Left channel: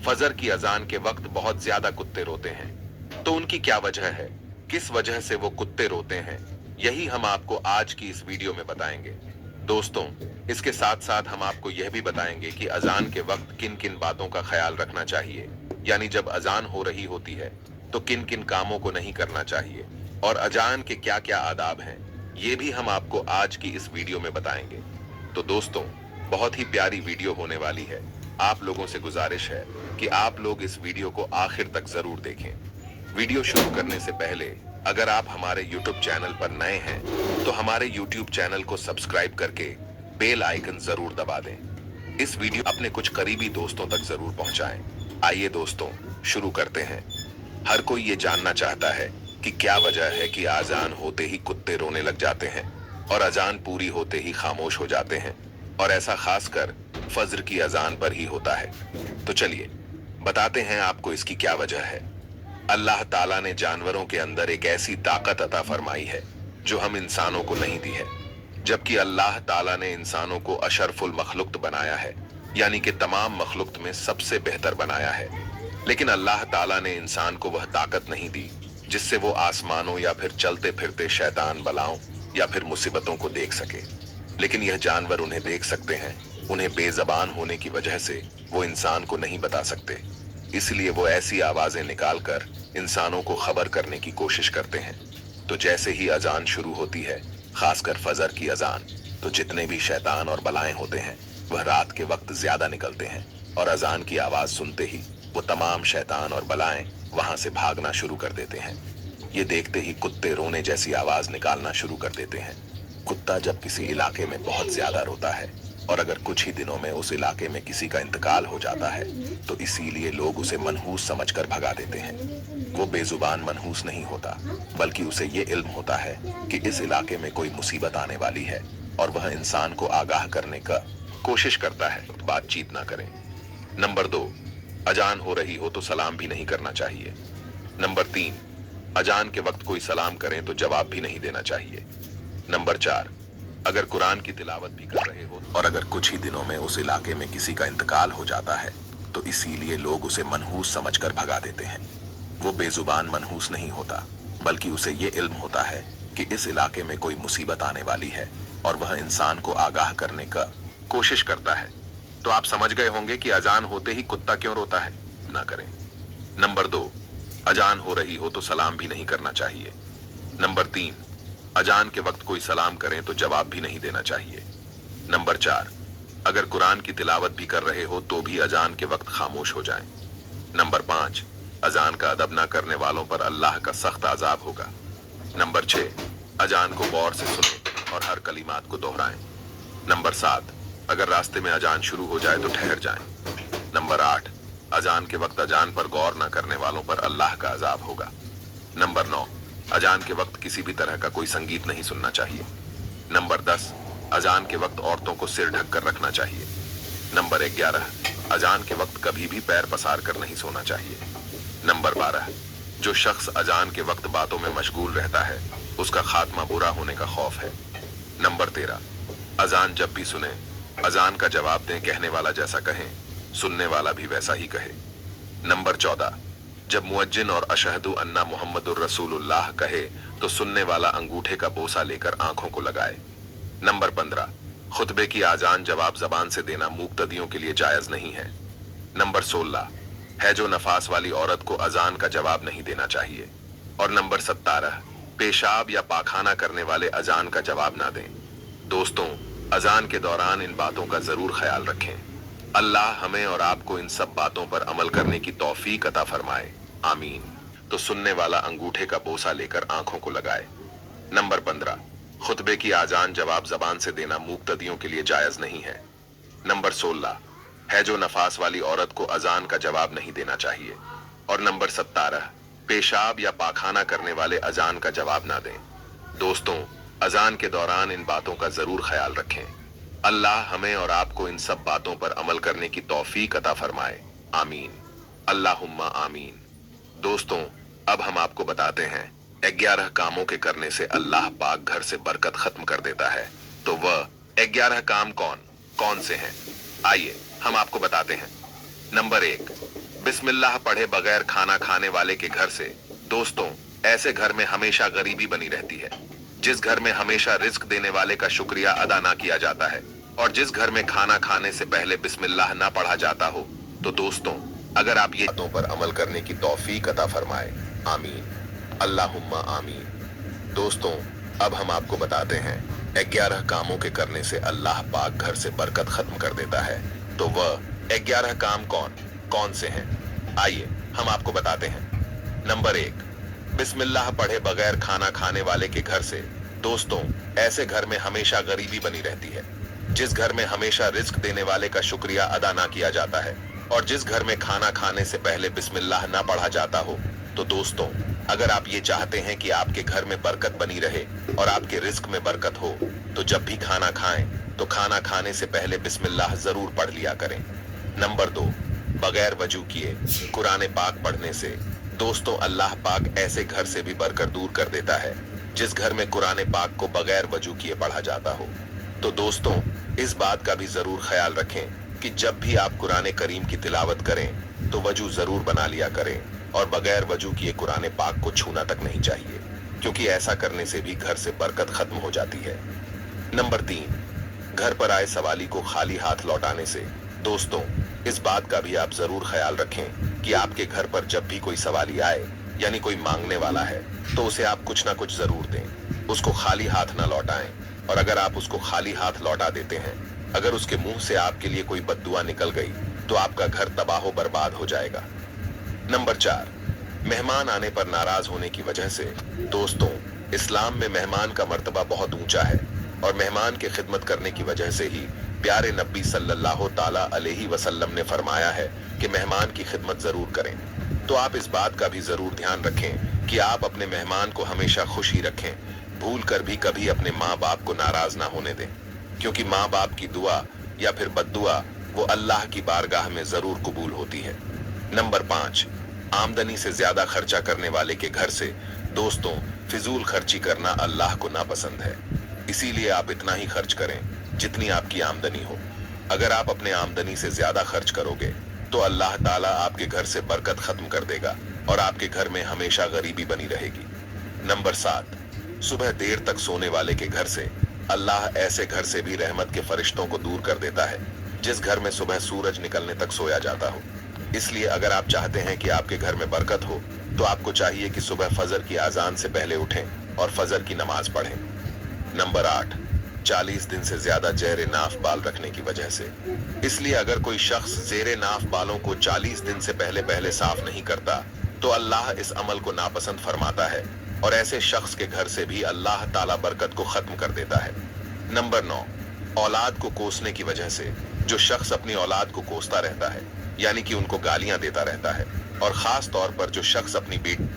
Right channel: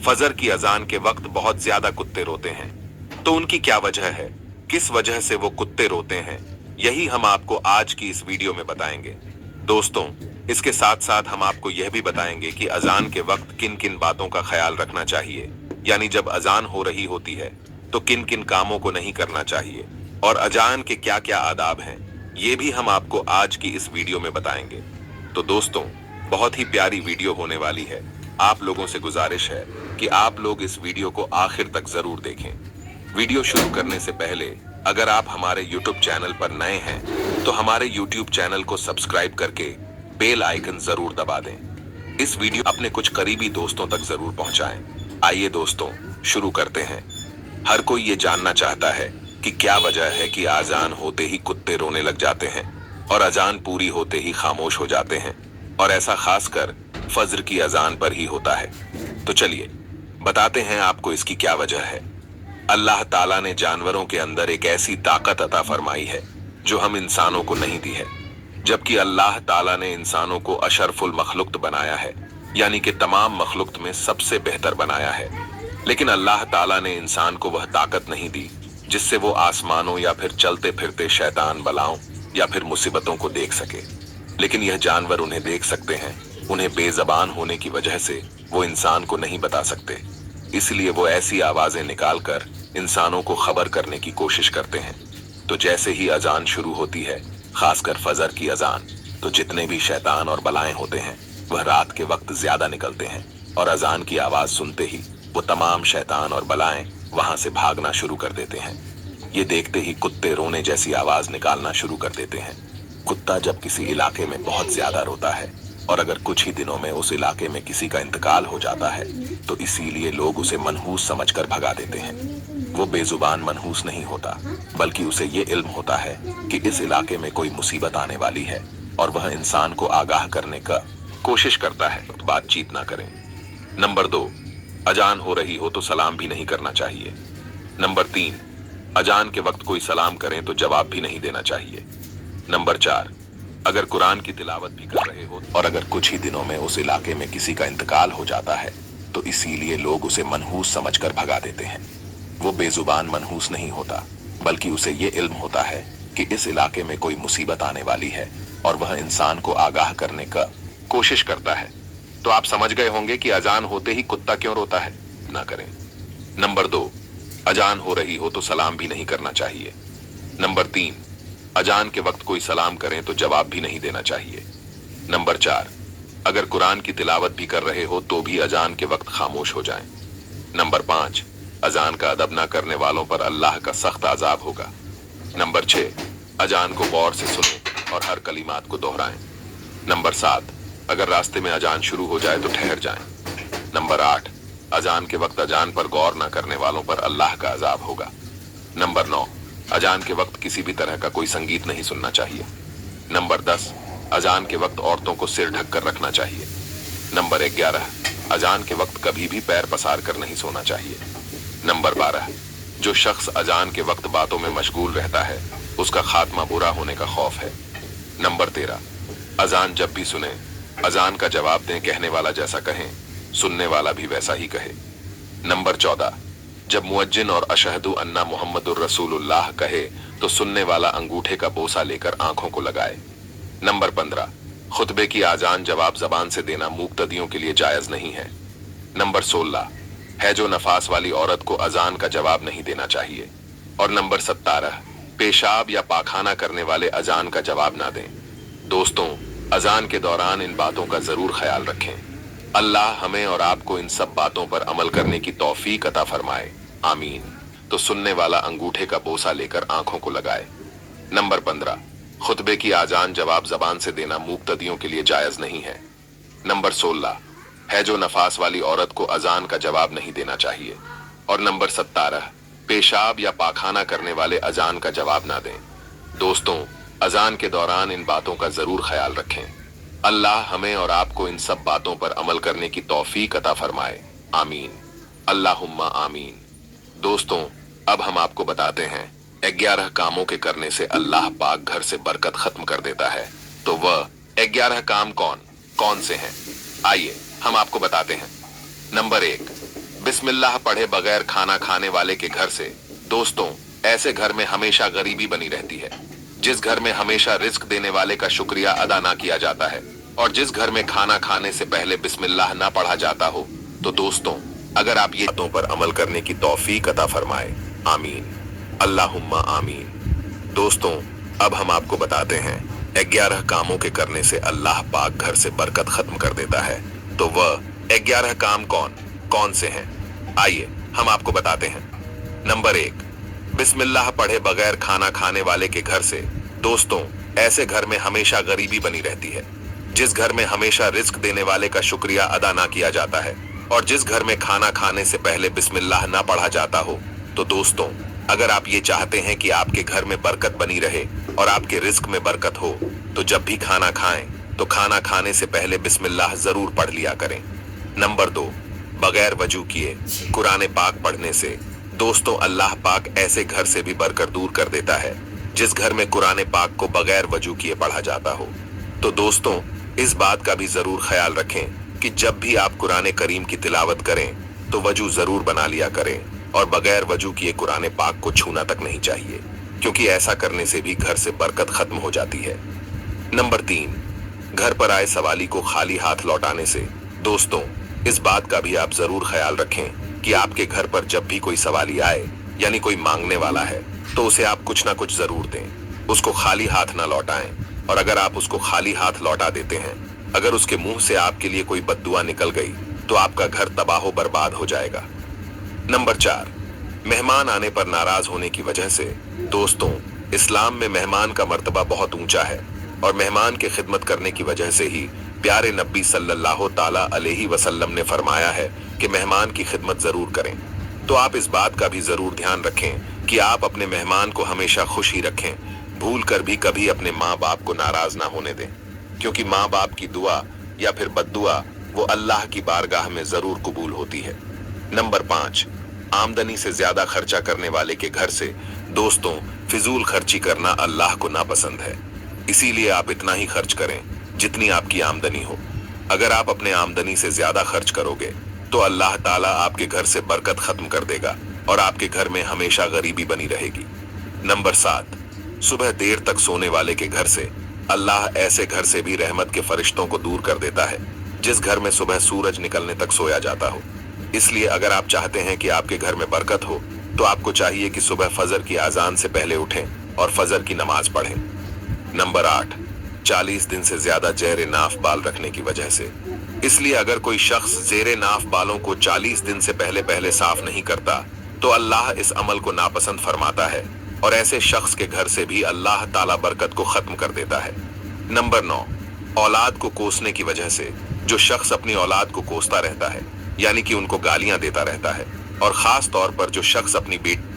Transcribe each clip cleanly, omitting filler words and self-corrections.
फजर की अजान के वक्त बहुत ज्यादा कुत्ते रोते हैं। तो उनकी क्या वजह है, किस वजह से वो कुत्ते रोते हैं, यही हम आपको आज की इस वीडियो में बताएंगे। दोस्तों, इसके साथ साथ हम आपको यह भी बताएंगे कि अजान के वक्त किन किन बातों का ख्याल रखना चाहिए, यानी जब अजान हो रही होती है तो किन किन कामों को नहीं करना चाहिए और अजान के क्या क्या आदाब हैं, ये भी हम आपको आज की इस वीडियो में बताएंगे। तो दोस्तों, बहुत ही प्यारी वीडियो होने वाली है। आप लोगों से गुजारिश है कि आप लोग इस वीडियो को आखिर तक जरूर देखें। वीडियो शुरू करने से पहले अगर आप हमारे YouTube चैनल पर नए हैं तो हमारे YouTube चैनल को सब्सक्राइब करके बेल आइकन जरूर दबा दें। इस वीडियो अपने कुछ करीबी दोस्तों तक जरूर पहुंचाएं। आइए दोस्तों, शुरू करते हैं। हर कोई ये जानना चाहता है कि क्या वजह है कि अजान होते ही कुत्ते रोने लग जाते हैं और अजान पूरी होते ही खामोश हो जाते हैं, और ऐसा खासकर फज्र की अजान पर ही होता है। तो चलिए बताते हैं आपको इसकी क्या वजह है। अल्लाह ताला ने जानवरों के अंदर एक ऐसी ताकत अता फरमाई है जो हम इंसानों को नहीं दी है, जबकि अल्लाह ताला ने इंसानों को अशरफुल मखलूक बनाया है, यानी कि तमाम मखलूक में सबसे बेहतर बनाया है। लेकिन अल्लाह ताला ने इंसान को वह ताकत नहीं दी जिससे वो आसमानों या फिर चलते फिरते शैतान बलाओं या फिर मुसीबतों को देख सके। लेकिन यह जानवर उन्हें देख सकते हैं। उन्हें बेजबान होने की वजह से वो इंसान को नहीं बता सकते, इसलिए वो ऐसी आवाजें निकालकर इंसानों को खबर करने की कोशिश करते हैं। तो जैसे ही अजान शुरू होती है, खासकर फजर की अजान, तो जितने भी शैतान और बलाएं होते हैं वह रात के वक्त ज्यादा निकलते हैं, और अजान की आवाज सुनते ही वो तमाम शैतान और बलाएं वहां से भागना शुरू कर देते हैं। ये देखते ही कुत्ते रोने जैसी आवाज निकालना शुरू कर देते हैं। कुत्ता जब किसी इलाके में बहुत ज्यादा रोता है और अगर कुछ ही दिनों में उस इलाके में किसी का इंतकाल हो जाता है तो इसीलिए लोग उसे मनहूस समझकर भगा देते हैं। वो बेजुबान मनहूस नहीं होता, बल्कि उसे ये इल्म होता है कि इस इलाके में कोई मुसीबत आने वाली है और वह इंसान को आगाह करने का कोशिश करता है। बातचीत ना करें। नंबर 2, अजान हो रही हो तो सलाम भी नहीं करना चाहिए। नंबर 3, अजान के वक्त कोई सलाम करें तो जवाब भी नहीं देना चाहिए। नंबर 4, अगर कुरान की तिलावत भी कर रहे हो और अगर कुछ ही दिनों में उस इलाके में किसी का इंतकाल हो जाता है तो इसीलिए लोग उसे मनहूस समझकर भगा देते हैं। वो बेजुबान मनहूस नहीं होता, बल्कि उसे ये इल्म होता है कि इस इलाके में कोई मुसीबत आने वाली है और वह इंसान को आगाह करने का कोशिश करता है। तो आप समझ गए होंगे कि अजान होते ही कुत्ता क्यों रोता है। ना करें। नंबर 2, अजान हो रही हो तो सलाम भी नहीं करना चाहिए। नंबर 3, अजान के वक्त कोई सलाम करें तो जवाब भी नहीं देना चाहिए। नंबर 4, अगर कुरान की तिलावत भी कर रहे हो तो भी अजान के वक्त खामोश हो जाएं। नंबर 5, अजान का अदब ना करने वालों पर अल्लाह का सख्त अजाब होगा। नंबर 6, अजान को गौर से सुनें और हर कलिमात को दोहराएं। नंबर 7, अगर रास्ते में अजान शुरू हो जाए तो ठहर जाएं। नंबर 8, अजान के वक्त अजान पर गौर ना करने वालों पर अल्लाह का अजाब होगा। नंबर 9, अजान के वक्त किसी भी तरह का कोई संगीत नहीं सुनना चाहिए। नंबर 10, अजान के वक्त औरतों को सिर ढक कर रखना चाहिए। नंबर 11, अजान के वक्त कभी भी पैर पसार कर नहीं सोना चाहिए। नंबर 12, जो शख्स अजान के वक्त बातों में मशगूल रहता है उसका खात्मा बुरा होने का खौफ है। नंबर 13, अजान जब भी सुने अजान का जवाब दें, कहने वाला जैसा कहें सुनने वाला भी वैसा ही कहे। नंबर 14, जब मुअज्जिन और अशहदु अन्ना मुहम्मदुर रसूलुल्लाह कहे तो सुनने वाला अंगूठे का बोसा लेकर आंखों को लगाए। नंबर 15, खुतबे की आजान जवाब जबान से देना मुक्तदियों के लिए जायज नहीं है। नंबर 16 है जो नफास वाली औरत को अजान का जवाब नहीं देना चाहिए। और नंबर 17, पेशाब या पाखाना करने वाले अजान का जवाब ना दें। दोस्तों, अजान के दौरान इन बातों का जरूर ख्याल रखें। अल्लाह हमें और आपको इन सब बातों पर अमल करने की तौफीक अता फरमाए, आमीन। तो सुनने वाला अंगूठे का बोसा लेकर आंखों को लगाए। नंबर 15, खुतबे की आजान जवाब जबान से देना मुक्तदियों के लिए जायज नहीं है। नंबर 16 है जो नफास वाली औरत को अजान का जवाब नहीं देना चाहिए। और नंबर 17, पेशाब या पाखाना करने वाले अजान का जवाब ना दें। दोस्तों, अजान के दौरान इन बातों का जरूर ख्याल रखें। अल्लाह हमें और आपको इन सब बातों पर अमल करने की तौफीक अता फरमाए, आमीन, अल्लाहुम्मा आमीन। दोस्तों, अब हम आपको बताते हैं 11 कामों के करने से अल्लाह पाक घर से बरकत खत्म कर देता है। तो वह 11 काम कौन कौन से हैं, आइए हम आपको बताते हैं। नंबर 1, बिस्मिल्लाह पढ़े बगैर खाना खाने वाले के घर से दोस्तों ऐसे घर में हमेशा गरीबी बनी रहती है। जिस घर में हमेशा रिस्क देने वाले का शुक्रिया अदा ना किया जाता है और जिस घर में खाना खाने से पहले बिस्मिल्लाह ना पढ़ा जाता हो, तो दोस्तों अगर आप ये बातों पर अमल करने की तौफीक अता फरमाए, आमीन अल्लाहुम्मा आमीन। दोस्तों अब हम आपको बताते हैं 11 कामों के करने से अल्लाह पाक घर से बरकत खत्म कर देता है। तो वह 11 काम कौन कौन से हैं, आइए हम आपको बताते हैं। नंबर 1, बिस्मिल्लाह पढ़े बगैर खाना खाने वाले के घर से दोस्तों ऐसे घर में हमेशा गरीबी बनी रहती है। जिस घर में हमेशा रिस्क देने वाले का शुक्रिया अदा ना किया जाता है और जिस घर में खाना खाने से पहले बिस्मिल्लाह ना पढ़ा जाता हो, तो दोस्तों अगर आप ये चाहते हैं कि आपके घर में बरकत बनी रहे और आपके रिस्क में बरकत हो, तो जब भी खाना खाएं तो खाना खाने से पहले बिस्मिल्लाह जरूर पढ़ लिया करें। नंबर 2, बगैर वजू किए कुरान पाक पढ़ने से दोस्तों अल्लाह पाक ऐसे घर से भी बरकत दूर कर देता है जिस घर में कुरान पाक को बगैर वजू किए पढ़ा जाता हो। तो दोस्तों इस बात का भी जरूर ख्याल रखें कि जब भी आप कुरान करीम की तिलावत करें तो वजू जरूर बना लिया करें और बगैर वजू किए कुरान पाक को छूना तक नहीं चाहिए, क्योंकि ऐसा करने से भी घर से बरकत खत्म हो जाती है। नंबर 3, घर पर आए सवाली को खाली हाथ लौटाने से दोस्तों इस बात का भी आप जरूर ख्याल रखें कि आपके घर पर जब भी कोई सवाली आए यानी कोई मांगने वाला है तो उसे आप कुछ ना कुछ जरूर दें, उसको खाली हाथ ना लौटाएं। और अगर आप उसको खाली हाथ लौटा देते हैं, अगर उसके मुंह से आपके लिए कोई बद्दुआ निकल गई तो आपका घर तबाह बर्बाद हो जाएगा। नंबर 4, मेहमान आने पर नाराज होने की वजह से दोस्तों इस्लाम में मेहमान का मर्तबा बहुत ऊंचा है और मेहमान की खिदमत करने की वजह से ही प्यारे नबी सल्लल्लाहु ताला अलैहि वसल्लम ने फरमाया है कि मेहमान की खिदमत जरूर करें। तो आप इस बात का भी जरूर ध्यान रखें कि आप अपने मेहमान को हमेशा खुश ही रखें, भूल कर भी कभी अपने माँ बाप को नाराज ना होने दें, क्योंकि माँ बाप की दुआ या फिर बद्दुआ वो अल्लाह की बारगाह में जरूर कबूल होती है। नंबर 5, आमदनी से ज्यादा खर्चा करने वाले के घर से दोस्तों फिजूल खर्ची करना अल्लाह को नापसंद है, इसीलिए आप इतना ही खर्च करें जितनी आपकी आमदनी हो। अगर आप अपने आमदनी से ज्यादा खर्च करोगे तो अल्लाह ताला आपके घर से बरकत खत्म कर देगा और आपके घर में हमेशा गरीबी बनी रहेगी। नंबर 7, सुबह देर तक सोने वाले के घर से अल्लाह ऐसे घर से भी रहमत के फरिश्तों को दूर कर देता है जिस घर में सुबह सूरज निकलने तक सोया जाता हो। इसलिए अगर आप चाहते हैं कि आपके घर में बरकत हो तो आपको चाहिए कि सुबह फजर की आजान से पहले उठें और फजर की नमाज पढ़ें। नंबर 8, 40 दिन से ज्यादा जेरे नाफ बाल रखने की वजह से। इसलिए अगर कोई शख्स जेरे नाफ बालों को 40 दिन से पहले साफ नहीं करता तो अल्लाह इस अमल को नापसंद फरमाता है और ऐसे शख्स के घर से भी अल्लाह ताला बरकत को खत्म कर देता है। नंबर 9, औलाद को कोसने की वजह से जो शख्स अपनी औलाद को कोसता रहता है यानी कि उनको गालियां देता रहता है, और खास तौर पर जो शख्स अपनी बेटी,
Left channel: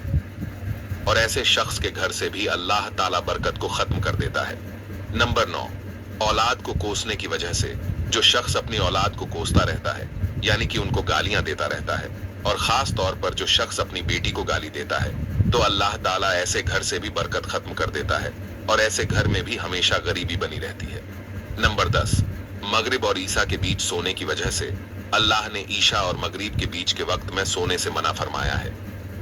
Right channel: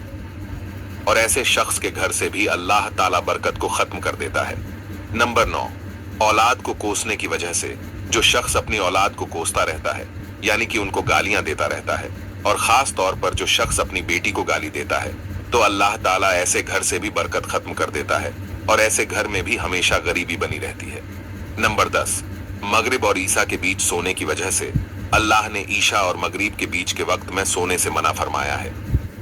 और ऐसे शख्स के घर से भी अल्लाह ताला बरकत को खत्म कर देता है। नंबर 9, औलाद को कोसने की वजह से जो शख्स अपनी औलाद को कोसता रहता है यानी कि उनको गालियां देता रहता है, और खास तौर पर जो शख्स अपनी बेटी को गाली देता है, तो अल्लाह ताला ऐसे घर से भी बरकत खत्म कर देता है और ऐसे घर में भी हमेशा गरीबी बनी रहती है। नंबर 10, मगरिब और ईशा के बीच सोने की वजह से अल्लाह ने ईशा और मगरिब के बीच के वक्त में सोने से मना फरमाया है।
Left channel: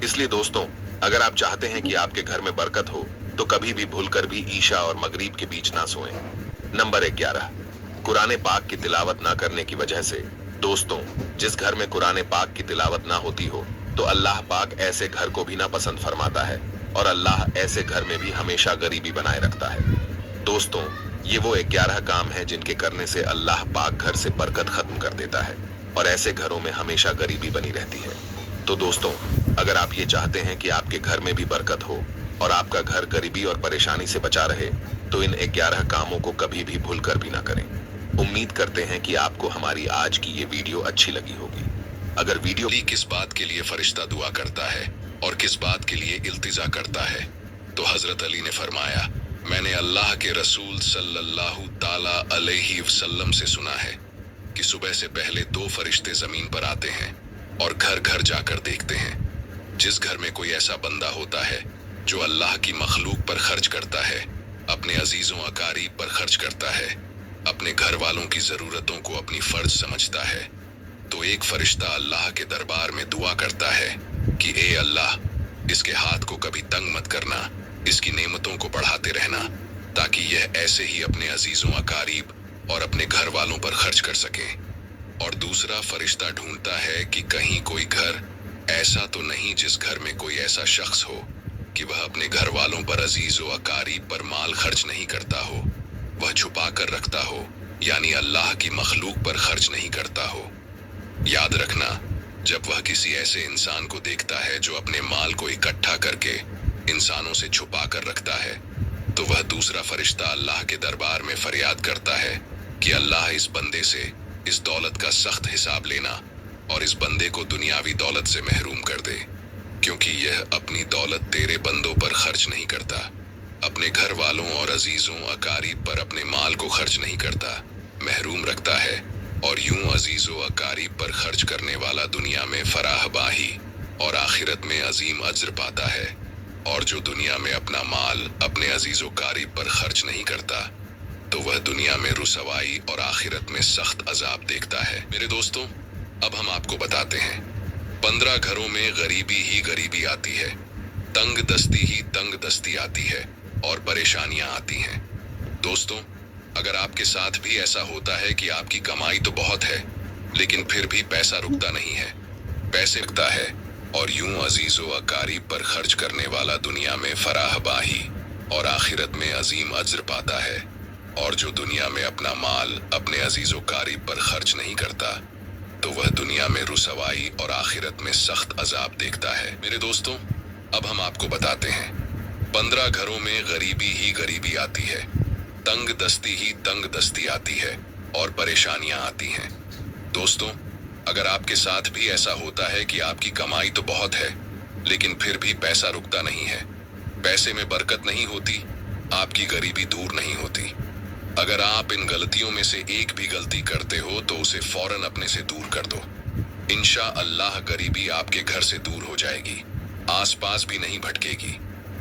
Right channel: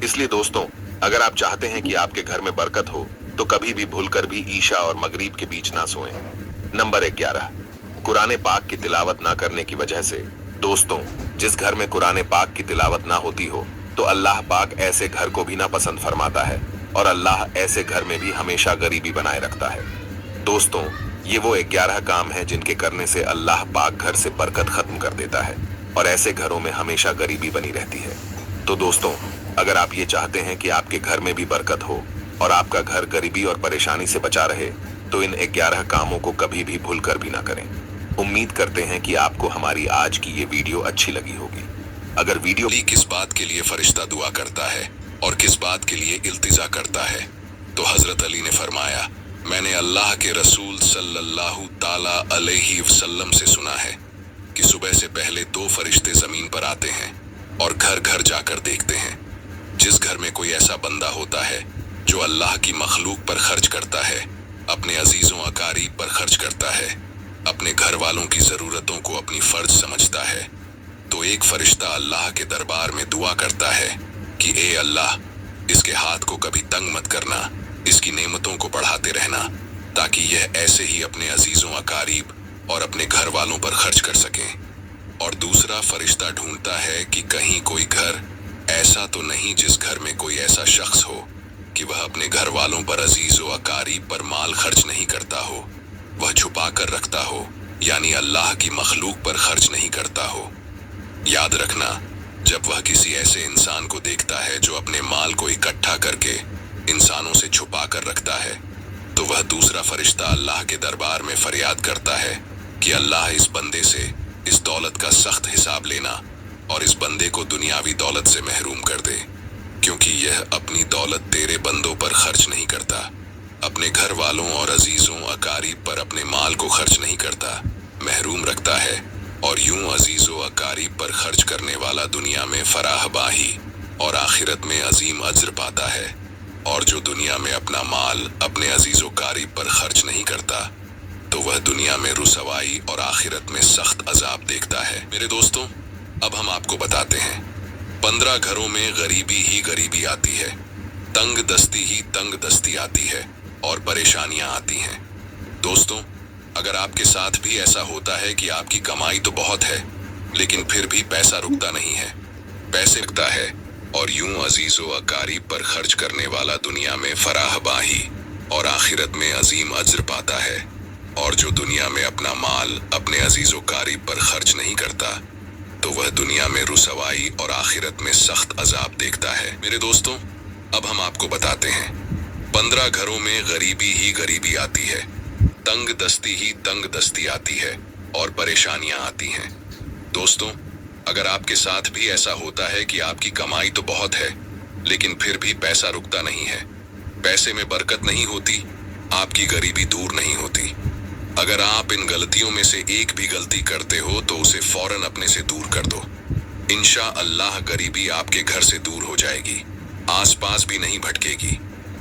इसलिए दोस्तों अगर आप चाहते हैं कि आपके घर में बरकत हो तो कभी भी भूलकर भी ईशा और मगरिब के बीच ना सोएं। नंबर 11, कुरान पाक की तिलावत ना करने की वजह से दोस्तों जिस घर में कुरान पाक की तिलावत ना होती हो तो अल्लाह पाक ऐसे घर को भी ना पसंद फरमाता है और अल्लाह ऐसे घर में भी हमेशा गरीबी बनाए रखता है। दोस्तों ये वो 11 काम हैं जिनके करने से अल्लाह पाक घर से बरकत खत्म कर देता है और ऐसे घरों में हमेशा गरीबी बनी रहती है। तो दोस्तों अगर आप ये चाहते हैं कि आपके घर में भी बरकत हो और आपका घर गरीबी और परेशानी से बचा रहे तो इन 11 कामों को कभी भी भूलकर भी ना करें। उम्मीद करते हैं कि आपको हमारी आज की ये वीडियो अच्छी लगी होगी। अगर वीडियो किस बात के लिए फरिश्ता दुआ करता है और किस बात के लिए इल्तिजा करता है, तो हजरत अली ने फरमाया, मैंने अल्लाह के रसूल सल्लल्लाहु ताला अलैहि वसल्लम से सुना है कि सुबह से पहले 2 फरिश्ते जमीन पर आते हैं और घर घर जाकर देखते हैं। जिस घर में कोई ऐसा बंदा होता है जो अल्लाह की मखलूक पर खर्च करता है, अपने अजीजों अकारीब पर खर्च करता है, अपने घर वालों की जरूरतों को अपनी फर्ज समझता है, तो एक फरिश्ता अल्लाह के दरबार में दुआ करता है कि ए अल्लाह, इसके हाथ को कभी तंग मत करना, इसकी नेमतों को बढ़ाते रहना, ताकि यह ऐसे ही अपने अजीजों अकारीब और अपने घर वालों पर खर्च कर सके। और दूसरा फरिश्ता ढूंढता है कि कहीं कोई घर ऐसा तो नहीं जिस घर में कोई ऐसा शख्स हो कि वह अपने घर वालों पर अजीजों अकारीब पर माल खर्च नहीं करता हो, वह छुपा कर रखता हो, यानी अल्लाह की मखलूक पर खर्च नहीं करता हो। याद रखना, जब वह किसी ऐसे इंसान को देखता है जो अपने माल को इकट्ठा करके इंसानों से छुपा कर रखता है, तो वह दूसरा फरिश्ता अल्लाह के दरबार में फरियाद करता है कि अल्लाह, इस बंदे से इस दौलत का सख्त हिसाब लेना और इस बंदे को दुनियावी दौलत से महरूम कर दे, क्योंकि यह अपनी दौलत तेरे बंदों पर खर्च नहीं करता, अपने घर वालों और अजीजों अकारीब पर अपने माल को खर्च नहीं करता, महरूम रखता है, और यूं अजीजों अकारीब पर खर्च करने वाला दुनिया में फराहबाही और आखिरत में अजीम अज्र पाता है। और जो दुनिया में अपना माल अपने अजीजों अकारीब पर खर्च नहीं करता, तो वह दुनिया में रुसवाई और आखिरत में सख्त अजाब देखता है। मेरे दोस्तों, अब हम आपको बताते हैं, 15 घरों में गरीबी ही गरीबी आती है, तंग दस्ती ही तंग दस्ती आती है, और परेशानियां आती हैं। दोस्तों, अगर आपके साथ भी ऐसा होता है कि आपकी कमाई तो बहुत है, लेकिन फिर भी पैसा रुकता नहीं है, पैसे रुकता है, और यूं अजीजों अकारीब पर खर्च करने वाला दुनिया में फराहबाही और आखिरत में अजीम अज्र पाता है, और जो दुनिया में अपना माल अपने अजीजों अकारीब पर खर्च नहीं करता, तो वह दुनिया में रुसवाई और आखिरत में सख्त अजाब देखता है। मेरे दोस्तों, अब हम आपको बताते हैं, 15 घरों में गरीबी ही गरीबी आती है, तंग दस्ती ही तंग दस्ती आती है, और परेशानियां आती हैं। दोस्तों, अगर आपके साथ भी ऐसा होता है कि आपकी कमाई तो बहुत है, लेकिन फिर भी पैसा रुकता नहीं है, पैसे में बरकत नहीं होती, आपकी गरीबी दूर नहीं होती। अगर आप इन गलतियों में से एक भी गलती करते हो तो उसे फौरन अपने से दूर कर दो। इंशा अल्लाह गरीबी आपके घर से दूर हो जाएगी, आसपास भी नहीं भटकेगी।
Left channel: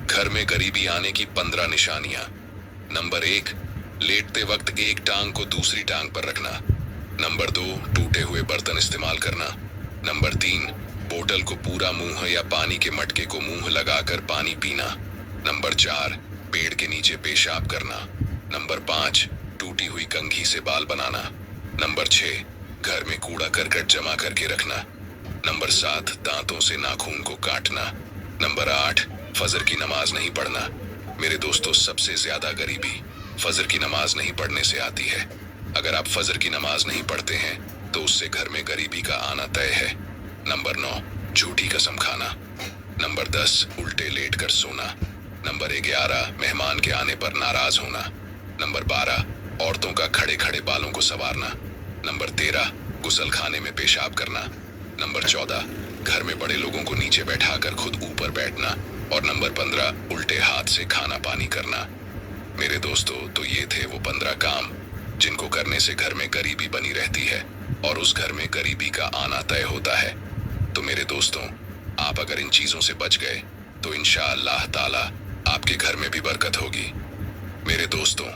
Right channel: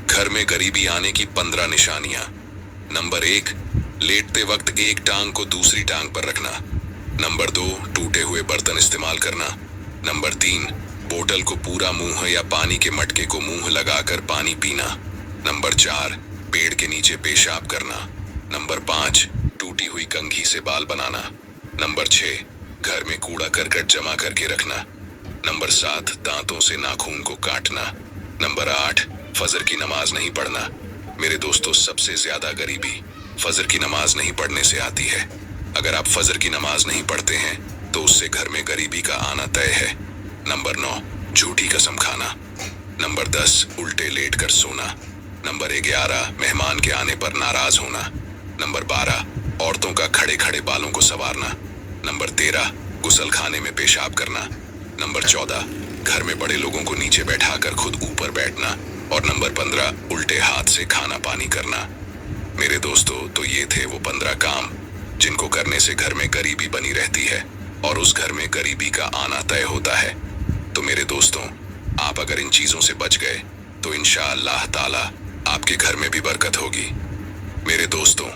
घर में गरीबी आने की 15 निशानियां। नंबर 1, लेटते वक्त एक टांग को दूसरी टांग पर रखना। नंबर 2, टूटे हुए बर्तन इस्तेमाल करना। नंबर 3, बोतल को पूरा मुंह या पानी के मटके को मुंह लगाकर पानी पीना। नंबर 4, पेड़ के नीचे पेशाब करना। नंबर 5, टूटी हुई कंघी से बाल बनाना। नंबर 6, घर में कूड़ा करकट जमा करके रखना। नंबर 7, दांतों से नाखून को काटना। नंबर 8, फजर की नमाज नहीं पढ़ना। मेरे दोस्तों, सबसे ज्यादा गरीबी फजर की नमाज नहीं पढ़ने से आती है। अगर आप फजर की नमाज नहीं पढ़ते हैं तो उससे घर में गरीबी का आना तय है। नंबर 9, झूठी कसम खाना। नंबर 10, उल्टे लेट कर सोना। नंबर 11, मेहमान के आने पर नाराज होना। नंबर 12, औरतों का खड़े खड़े बालों को संवारना। नंबर 13, गुसल खाने में पेशाब करना। नंबर 14, घर में बड़े लोगों को नीचे बैठाकर खुद ऊपर बैठना। और नंबर 15, उल्टे हाथ से खाना पानी करना। मेरे दोस्तों, तो ये थे वो 15 काम जिनको करने से घर में गरीबी बनी रहती है और उस घर में गरीबी का आना तय होता है। तो मेरे दोस्तों, आप अगर इन चीजों से बच गए तो इंशाअल्लाह ताला आपके घर में भी बरकत होगी। मेरे दोस्तों,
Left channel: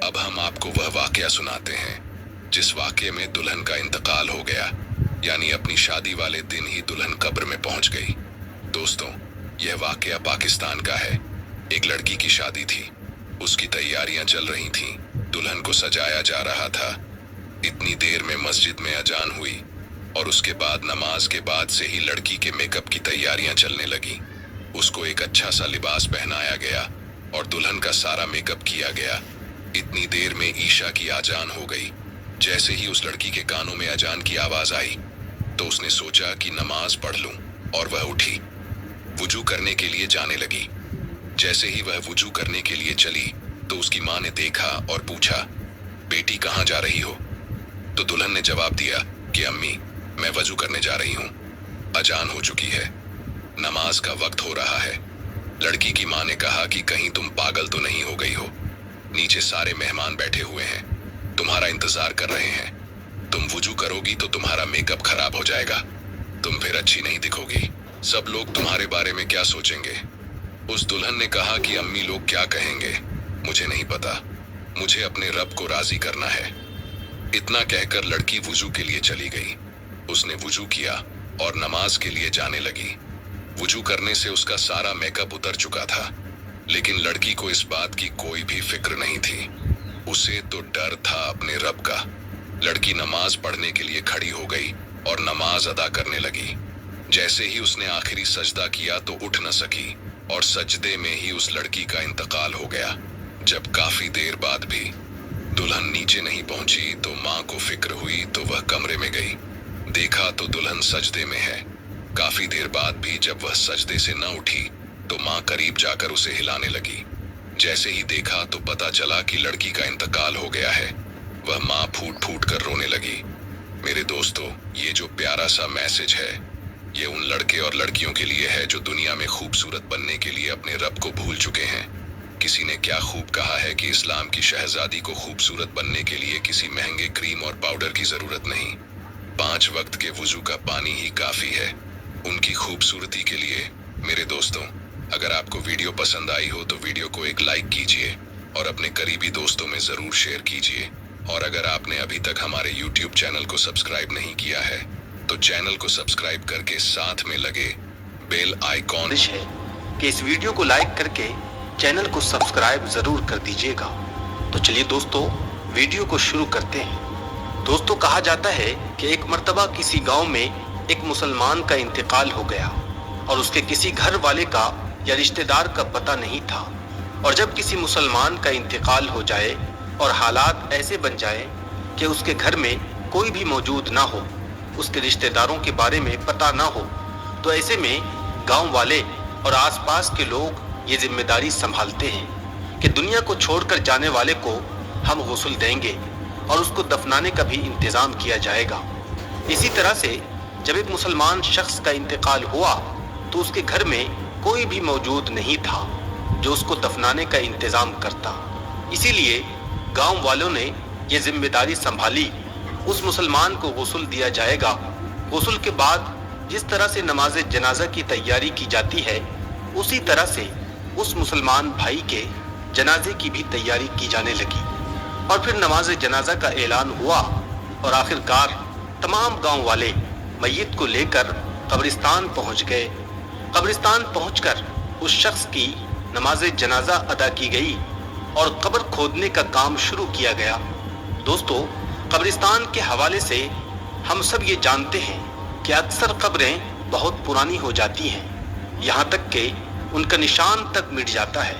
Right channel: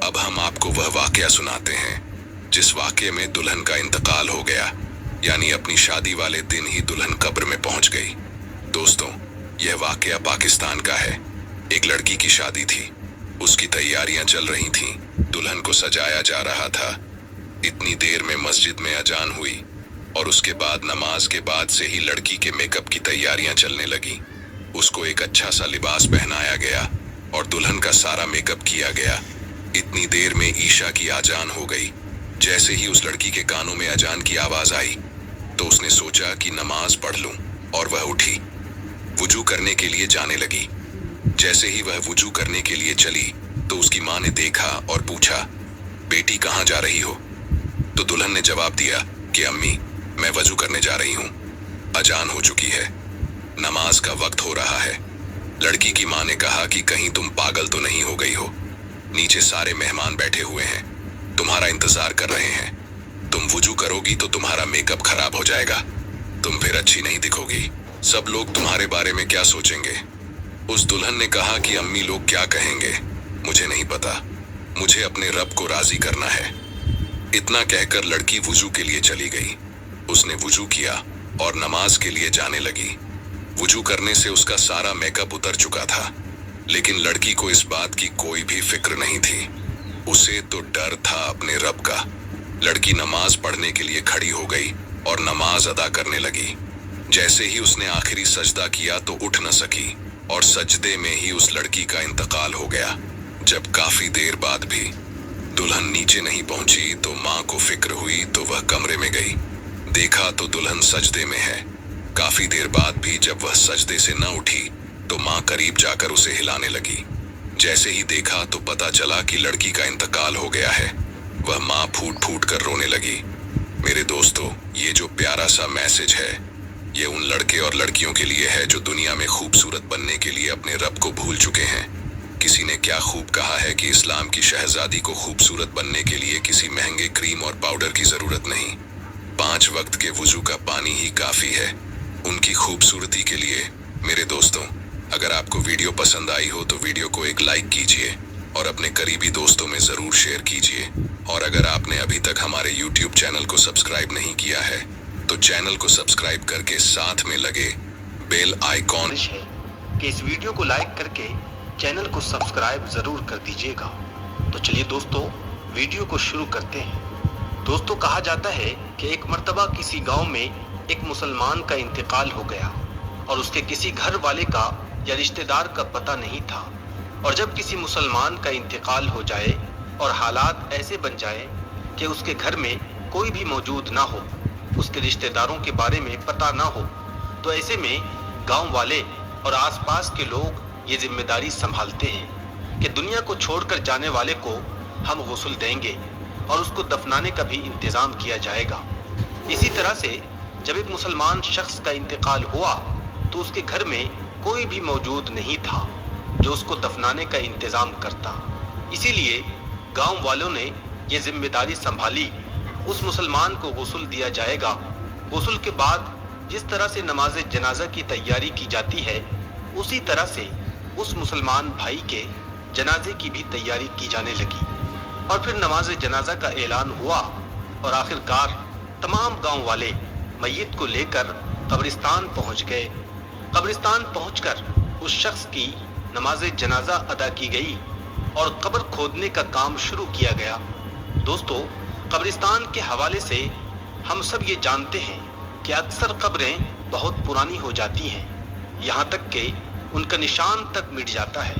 अब हम आपको वह वाकया सुनाते हैं जिस वाकये में दुल्हन का इंतकाल हो गया, यानी अपनी शादी वाले दिन ही दुल्हन कब्र में पहुंच गई। दोस्तों, यह वाकया पाकिस्तान का है। एक लड़की की शादी थी, उसकी तैयारियां चल रही थीं, दुल्हन को सजाया जा रहा था। इतनी देर में मस्जिद में अजान हुई और उसके बाद नमाज के बाद से ही लड़की के मेकअप की तैयारियां चलने लगी। उसको एक अच्छा सा लिबास पहनाया गया और दुल्हन का सारा मेकअप किया गया। इतनी देर में ईशा की आजान हो गई। जैसे ही उस लड़की के कानों में अजान की आवाज आई तो उसने सोचा कि नमाज पढ़ लूं, और वह उठी, वुजू करने के लिए जाने लगी। जैसे ही वह वुजू करने के लिए चली तो उसकी माँ ने देखा और पूछा, बेटी कहाँ जा रही हो? तो दुल्हन ने जवाब दिया कि अम्मी, मैं वजू करने जा रही हूँ, अजान हो चुकी है, नमाज का वक्त हो रहा है। लड़की की माँ ने कहा कि कहीं तुम पागल तो नहीं हो गई हो? नीचे सारे मेहमान बैठे हुए हैं, तुम्हारा इंतजार कर रहे हैं। तुम वुजू करोगी तो तुम्हारा मेकअप खराब हो जाएगा, तुम फिर अच्छी नहीं दिखोगी, सब लोग तुम्हारे बारे में क्या सोचेंगे? उस दुल्हन ने कहा कि अम्मी, लोग क्या कहेंगे मुझे नहीं पता, मुझे अपने रब को राजी करना है। इतना कहकर लड़की वुजू के लिए चली गई। उसने वुजू किया और नमाज के लिए जाने लगी। वुजू करने से उसका सारा मेकअप उतर चुका था, लेकिन लड़की को इस बात की कोई भी फिक्र नहीं थी। उसे तो डर था अपने रब का। लड़की नमाज पढ़ने के लिए खड़ी हो गई और नमाज अदा करने लगी। जैसे ही उसने आखिरी सजदा किया तो उठ न सकी और सजदे में ही उस लड़की का इंतकाल हो गया। जब काफी देर बाद भी दुल्हन नीचे नहीं पहुंची तो माँ को फिक्र हुई तो वह कमरे में गई। देखा तो दुल्हन सजदे में है। काफी देर बाद भी जब वह सजदे से न उठी तो माँ करीब जाकर उसे हिलाने लगी। जैसे ही देखा तो पता चला कि लड़की का इंतकाल हो गया है। वह माँ फूट फूट कर रोने लगी। मेरे दोस्तों, ये जो प्यारा सा मैसेज है, ये उन लड़के और लड़कियों के लिए है जो दुनिया में खूबसूरत बनने के लिए अपने रब को भूल चुके हैं। किसी ने क्या खूब कहा है कि इस्लाम की शहजादी को खूबसूरत बनने के लिए किसी महंगे क्रीम और पाउडर की जरूरत नहीं, 5 वक्त के वुजू का पानी ही काफी है उनकी खूबसूरती के लिए। मेरे दोस्तों, अगर आपको वीडियो पसंद आई हो तो वीडियो को एक लाइक कीजिए और अपने करीबी दोस्तों में जरूर शेयर कीजिए। और अगर आपने अभी तक हमारे YouTube चैनल को सब्सक्राइब नहीं किया है तो चैनल को सब्सक्राइब करके साथ में लगे बेल आइकॉन है कि इस वीडियो को लाइक करके चैनल को सब्सक्राइब जरूर कर दीजिएगा। तो चलिए दोस्तों, वीडियो को शुरू करते हैं। दोस्तों, कहा जाता है कि एक मर्तबा किसी गांव में एक मुसलमान का इंतकाल हो गया और उसके किसी घर वाले का या रिश्तेदार का पता नहीं था। और जब किसी मुसलमान का इंतकाल हो जाए और हालात ऐसे बन जाए कि उसके घर में कोई भी मौजूद ना हो, उसके रिश्तेदारों के बारे में पता ना हो, तो ऐसे में गांव वाले और आसपास के लोग ये जिम्मेदारी संभालते हैं कि दुनिया को छोड़कर जाने वाले को हम गुस्ल देंगे और उसको दफनाने का भी इंतजाम किया जाएगा। इसी तरह से जब एक मुसलमान शख्स का इंतकाल हुआ तो उसके घर में कोई भी मौजूद नहीं था जो उसको दफनाने का इंतजाम करता। इसीलिए गांव वालों ने ये जिम्मेदारी संभाली, उस मुसलमान को गुस्ल दिया जाएगा। गुस्ल के बाद जिस तरह से नमाज जनाजा की तैयारी की जाती है, उसी तरह से उस मुसलमान भाई के जनाजे की भी तैयारी की जाने लगी। और फिर नमाज जनाजा का ऐलान हुआ और आखिरकार तमाम गांव वाले मैयत को लेकर कब्रिस्तान पहुंच गए। कब्रिस्तान पहुंचकर उस शख्स की नमाज जनाजा अदा की गई और कब्र खोदने का काम शुरू किया गया। दोस्तों, कब्रिस्तान के हवाले से हम सब ये जानते हैं कि अक्सर कब्रें बहुत पुरानी हो जाती हैं, यहाँ तक कि उनका निशान तक मिट जाता है।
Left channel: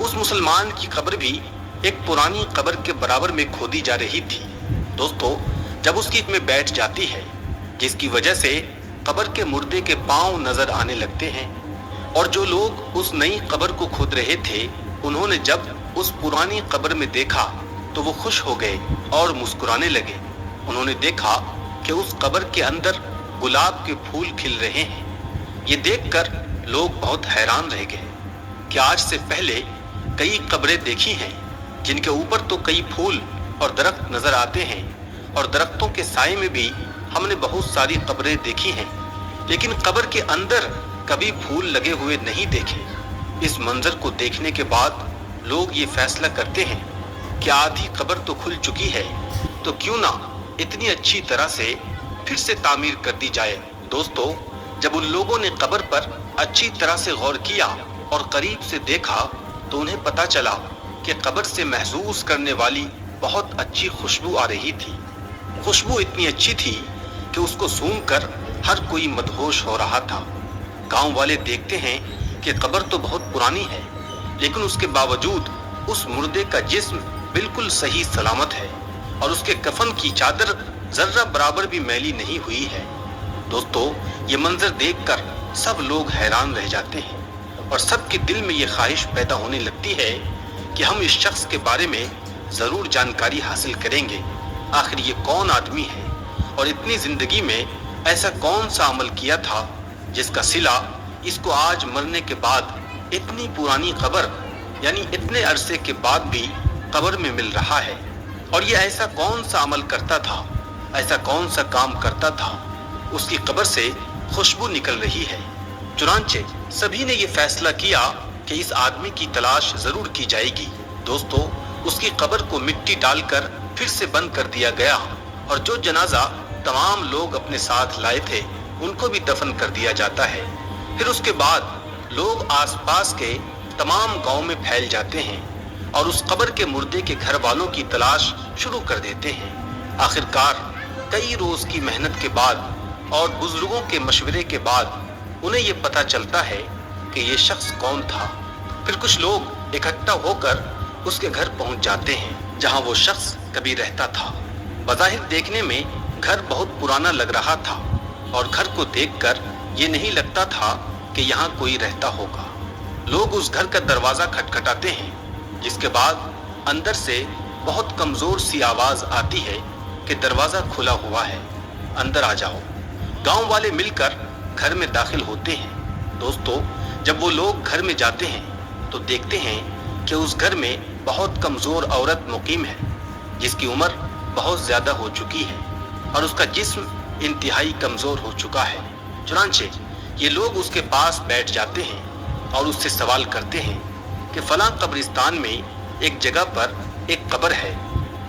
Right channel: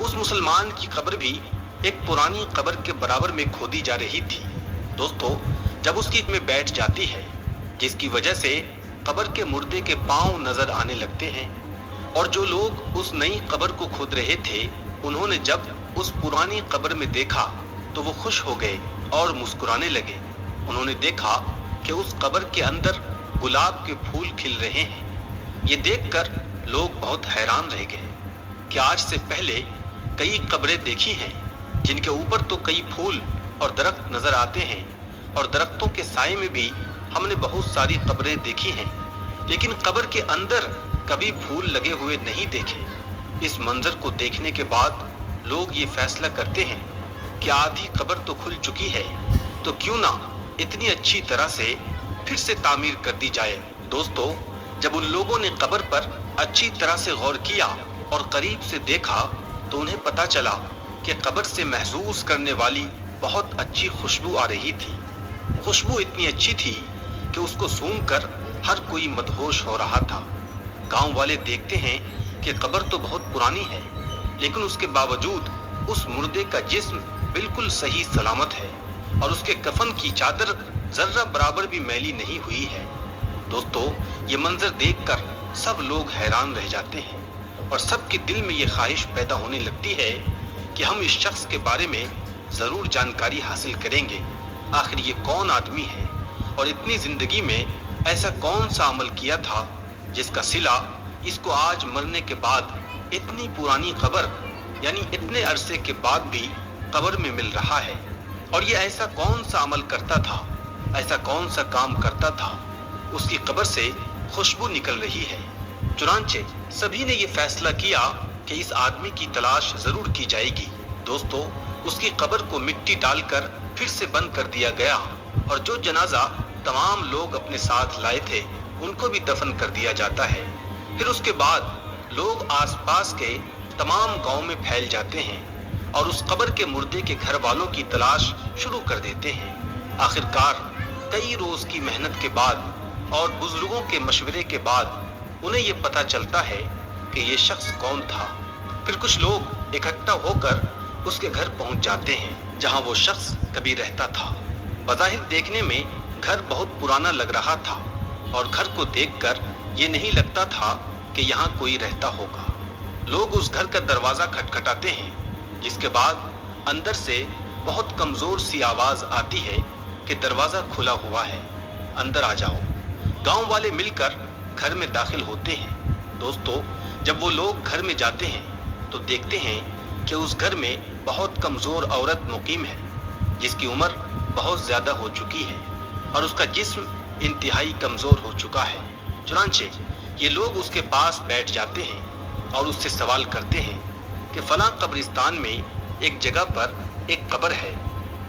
उस मुसलमान की कब्र भी एक पुरानी कब्र के बराबर में खोदी जा रही थी। दोस्तों, जब उसकी में बैठ जाती है, जिसकी वजह से कब्र के मुर्दे के पांव नजर आने लगते हैं, और जो लोग उस नई कब्र को खोद रहे थे, उन्होंने जब उस पुरानी कब्र में देखा तो वो खुश हो गए और मुस्कुराने लगे। उन्होंने देखा कि उस कब्र के अंदर गुलाब के फूल खिल रहे हैं। ये देखकर लोग बहुत हैरान रह गए कि आज से पहले कई कब्रें देखी हैं जिनके ऊपर तो कई फूल और दरख्त नजर आते हैं, और दरख्तों के साए में भी हमने बहुत सारी कब्रें देखी हैं, लेकिन कब्र के अंदर कभी फूल लगे हुए नहीं देखे। इस मंजर को देखने के बाद लोग ये फैसला करते हैं कि आधी कब्र तो खुल चुकी है, तो क्यों ना इतनी अच्छी तरह से फिर से तामीर कर दी जाए। दोस्तों, जब उन लोगों ने कब्र पर अच्छी तरह से गौर किया और करीब से देखा तो उन्हें पता चला कि कब्र से महसूस करने वाली बहुत अच्छी खुशबू आ रही थी। खुशबू इतनी अच्छी थी कि उसको सूंघकर हर कोई मदहोश हो रहा था। गांव वाले देखते हैं कि कब्र तो बहुत पुरानी है, लेकिन उसके बावजूद उस मुर्दे का जिस्म बिल्कुल सही सलामत है और उसके कफन की चादर जर्रा बराबर भी मैली नहीं हुई है। दोस्तों, ये मंजर देखकर सब लोग हैरान रह जाते हैं और सबके दिल में ये ख्वाहिश पैदा होने लगती है कि हम इस शख्स के बारे में जरूर जानकारी हासिल करेंगे। आखिर ये कौन आदमी है और इतनी जिंदगी में ऐसा कौन सा अमल किया था जिसका सिला इसको आज मरने के बाद इतनी पुरानी कब्र यानी इतने अरसे के बाद भी कब्र में मिल रहा है। और ये ऐसा कौन सा अमल करता था, ऐसा कौन सा काम करता था, उसकी कब्र से खुशबू निकल रही है। चुनांचे सभी ने ये फैसला किया कि इस आदमी की तलाश जरूर की जाएगी। दोस्तों, उसकी कब्र को मिट्टी डालकर फिर से बंद कर दिया गया और जो जनाजा तमाम लोग अपने साथ लाए थे उनको भी दफन कर दिया जाता है। फिर उसके बाद लोग आसपास के तमाम गांव में फैल जाते हैं और उस कब्र के मुर्दे के घर वालों की तलाश शुरू कर देते हैं। आखिरकार कई रोज की मेहनत के बाद और बुजुर्गों के मशवरे के बाद उन्हें ये पता चलता है कि ये शख्स कौन था। फिर कुछ लोग इकट्ठा होकर उसके घर पहुंच जाते हैं जहां वो शख्स कभी रहता था। बज़ाहिर देखने में घर बहुत पुराना लग रहा था और घर को देखकर ये नहीं लगता था कि यहाँ कोई रहता होगा। लोग उस घर का दरवाजा खटखटाते हैं, जिसके बाद अंदर से बहुत कमजोर सी आवाज आती है कि दरवाजा खुला हुआ है, अंदर आ जाओ। गांव वाले मिलकर घर में दाखिल होते हैं। दोस्तों, जब वो लोग घर में जाते हैं तो देखते हैं कि उस घर में बहुत कमजोर औरत मुकीम है, जिसकी उम्र बहुत ज्यादा हो चुकी है और उसका जिस्म इंतहाई कमजोर हो चुका है। चुनांचे ये लोग उसके पास बैठ जाते हैं और उससे सवाल करते हैं कि फलां कब्रिस्तान में एक जगह पर एक कब्र है,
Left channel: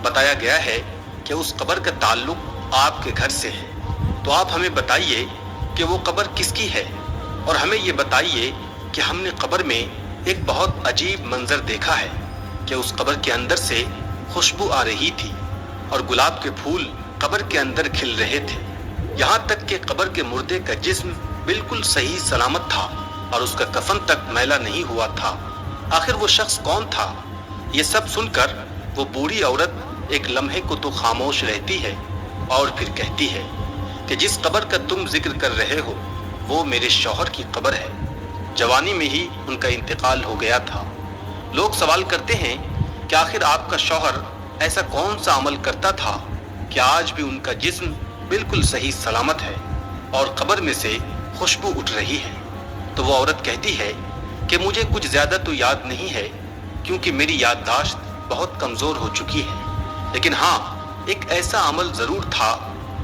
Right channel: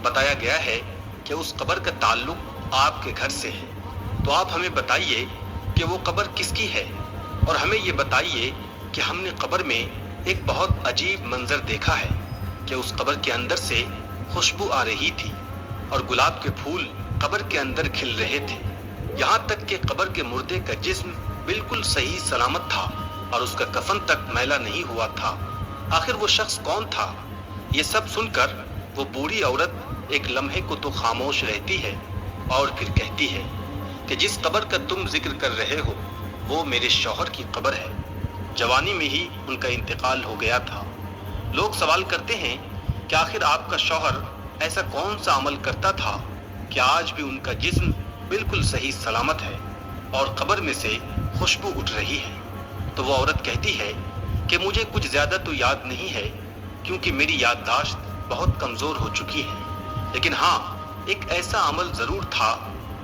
बताया गया है कि उस कब्र का ताल्लुक आपके घर से है, तो आप हमें बताइए कि वो कब्र किसकी है और हमें ये बताइए कि हमने कब्र में एक बहुत अजीब मंजर देखा है कि उस कब्र के अंदर से खुशबू आ रही थी और गुलाब के फूल कब्र के अंदर खिल रहे थे। यहाँ तक कि कब्र के मुर्दे का जिस्म बिल्कुल सही सलामत था और उसका कफन तक मैला नहीं हुआ था। आखिर वो शख्स कौन था? ये सब सुनकर वो बूढ़ी औरत एक लम्हे को तो खामोश रहती है और फिर कहती है कि जिस कब्र का तुम जिक्र कर रहे हो वो मेरे शौहर की कब्र है। जवानी में ही उनका इंतकाल हो गया था। लोग सवाल करते हैं कि आखिर आपका शौहर ऐसा कौन सा अमल करता था कि आज भी उनका जिस्म बिल्कुल सही सलामत है और कब्र में से खुशबू उठ रही है। तो वो औरत कहती है कि मुझे कुछ ज्यादा तो याद नहीं है, क्योंकि मेरी याददाश्त बहुत कमजोर हो चुकी है, लेकिन हाँ, एक ऐसा अमल जरूर था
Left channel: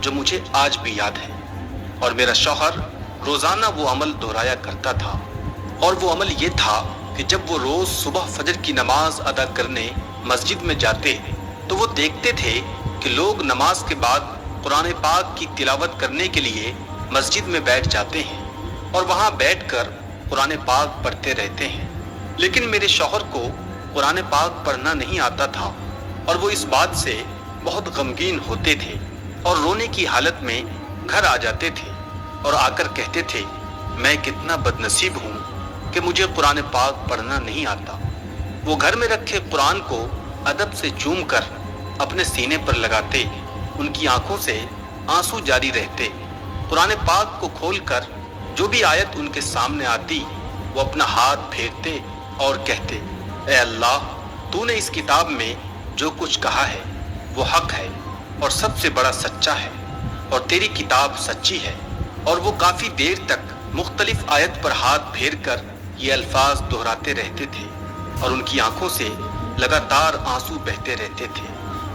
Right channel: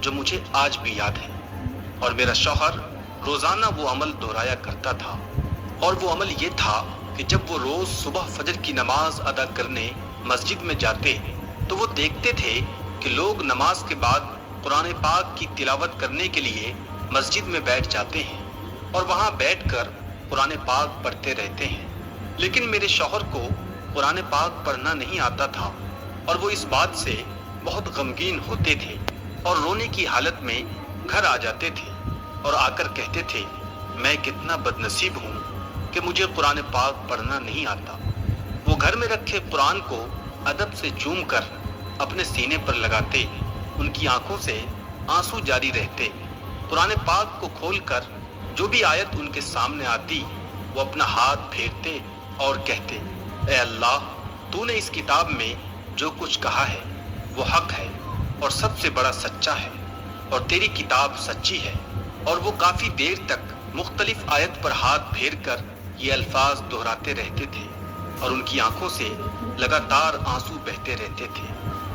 जो मुझे आज भी याद है और मेरा शौहर रोजाना वो अमल दोहराया करता था। और वो अमल ये था कि जब वो रोज सुबह फजर की नमाज अदा करने मस्जिद में जाते तो वो देखते थे कि लोग नमाज के बाद कुरान पाक की तिलावत करने के लिए मस्जिद में बैठ जाते हैं और वहाँ बैठकर कुरान पाक पढ़ते रहते हैं। लेकिन मेरे शौहर को कुरान पाक पढ़ना नहीं आता था और वो इस बात से बहुत गमगीन होते थे और रोने की हालत में घर आ जाते थे और आकर कहते थे, मैं कितना बदनसीब हूँ कि मुझे कुरान पाक पढ़ना नहीं आता। वो घर में रखे कुरान को अदब से चूम कर अपने सीने पर लगाते, उनकी आंखों से आंसू जारी रहते। कुरान पाक को खोलकर जो भी आयत उनके सामने आती वो अपना हाथ फेरते और कहते, ए अल्लाह, तूने इस किताब में जो कुछ कहा है वो हक है और सबसे बड़ा सच्चा है और तेरी किताब सच्ची है। और वो काफी देर तक मुख्तलिफ आयत पर हाथ फेर कर ये अल्फाज दोहराते रहते थे और उनकी आंखों से लगातार आंसू बहते रहते थे।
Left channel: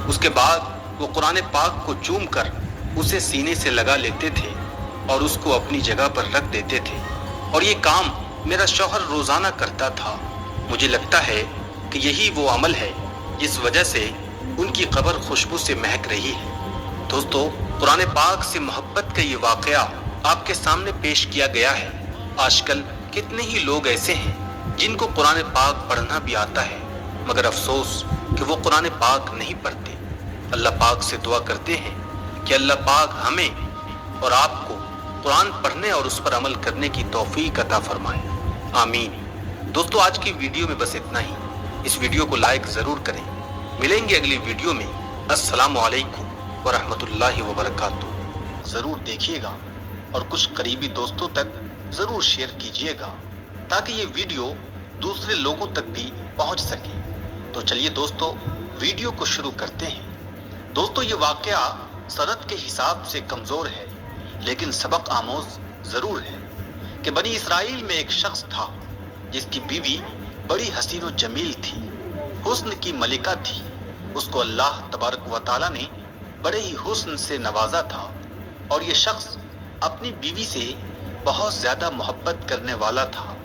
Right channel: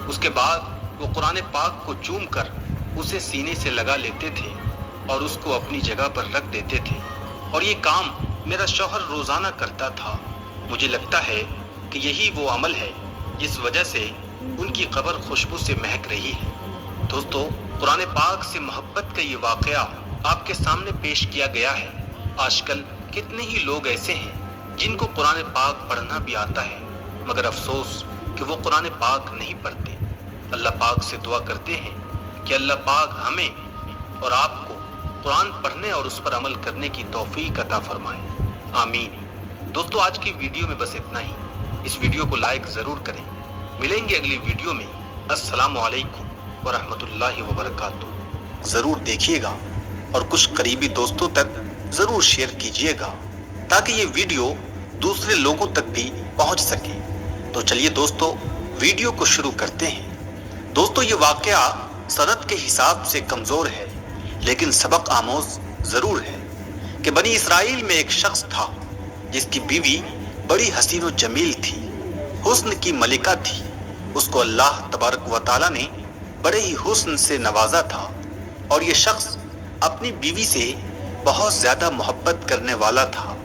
उसके बाद वो कुरान पाक को चूम कर उसे सीने से लगा लेते थे और उसको अपनी जगह पर रख देते थे। और ये काम मेरा शौहर रोजाना करता था। मुझे लगता है कि यही वो अमल है जिस वजह से उनकी कब्र खुशबू से महक रही है। दोस्तों, कुरान पाक से मोहब्बत का ये वाकया आपके सामने पेश किया गया है। आजकल कितने ही लोग ऐसे हैं जिनको कुरान पाक पढ़ना भी आता है, मगर अफसोस कि वो कुरान पाक नहीं पढ़ते। अल्लाह पाक से दुआ करते हैं कि अल्लाह पाक हमें और आपको कुरान पढ़ने और उस पर अमल करने की तौफीक अता फरमाए। आमीन। दोस्तों, आज की वीडियो में बस इतना ही। इस वीडियो को लाइक जरूर करें। मिलेंगे अगली वीडियो में। अस्सलामु अलैकुम व रहमतुल्लाहि व बरकातुहू। जरूर देखिएगा और कुछ करीबी दोस्तों तक जरूर शेयर कीजिएगा ताकि ये वीडियो दूसरे लोगों तक भी पहुंच सके। तो चलिए दोस्तों, वीडियो को शुरू करते हैं। दोस्तों, ये वाकया सनद के हिसाब से कमजोर है, लेकिन सबक आमोज जरूर है कि बनी इसराइल में एक शख्स था जिसकी बीवी बड़ी हसीन व जमील थी, हुस्न की मलिका थी। उसको अल्लाह तबारक व तआला ने बड़े ही हुस्न से नवाजा था और ये शख्स अपनी बीवी से बहुत ज्यादा मोहब्बत करने वाला था।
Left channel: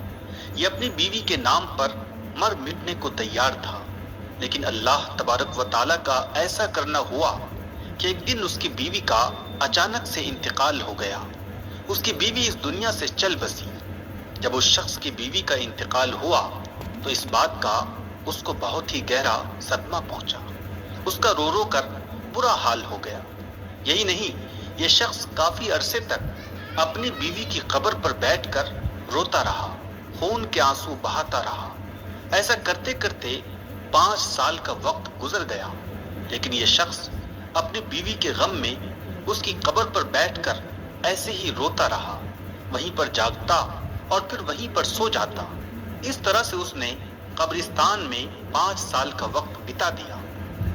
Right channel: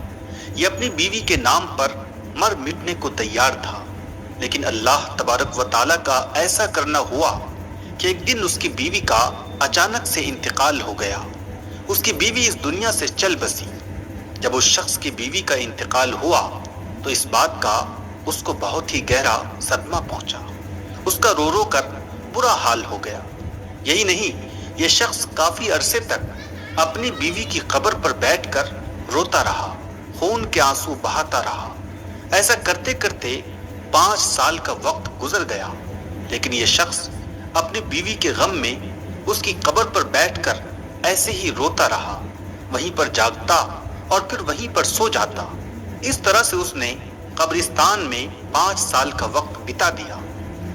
ये अपनी बीवी के नाम पर मर मिटने को तैयार था, लेकिन अल्लाह तबारक व तआला का ऐसा करना हुआ कि एक दिन उसकी बीवी का अचानक से इंतकाल हो गया। उसकी बीवी इस दुनिया से चल बसी। जब उस शख्स की बीवी का इंतकाल हुआ तो इस बात का उसको बहुत ही गहरा सदमा पहुंचा। उसका रो रो कर बुरा हाल हो गया। यही नहीं, ये शख्स काफी अरसे तक अपनी बीवी की कब्र पर बैठकर रोता रहा, खून के आंसू बहाता रहा। ऐसा करते करते 5 साल का वक्त गुजर गया, लेकिन ये शख्स अपनी बीवी के गम में उसकी कब्र पर बैठकर ऐसे ही रोता रहा, वहीं पर जागता और फिर वहीं पर सो जाता। इस तरह से उसने कब्रिस्तान में 5 साल का वक्त बिता दिया,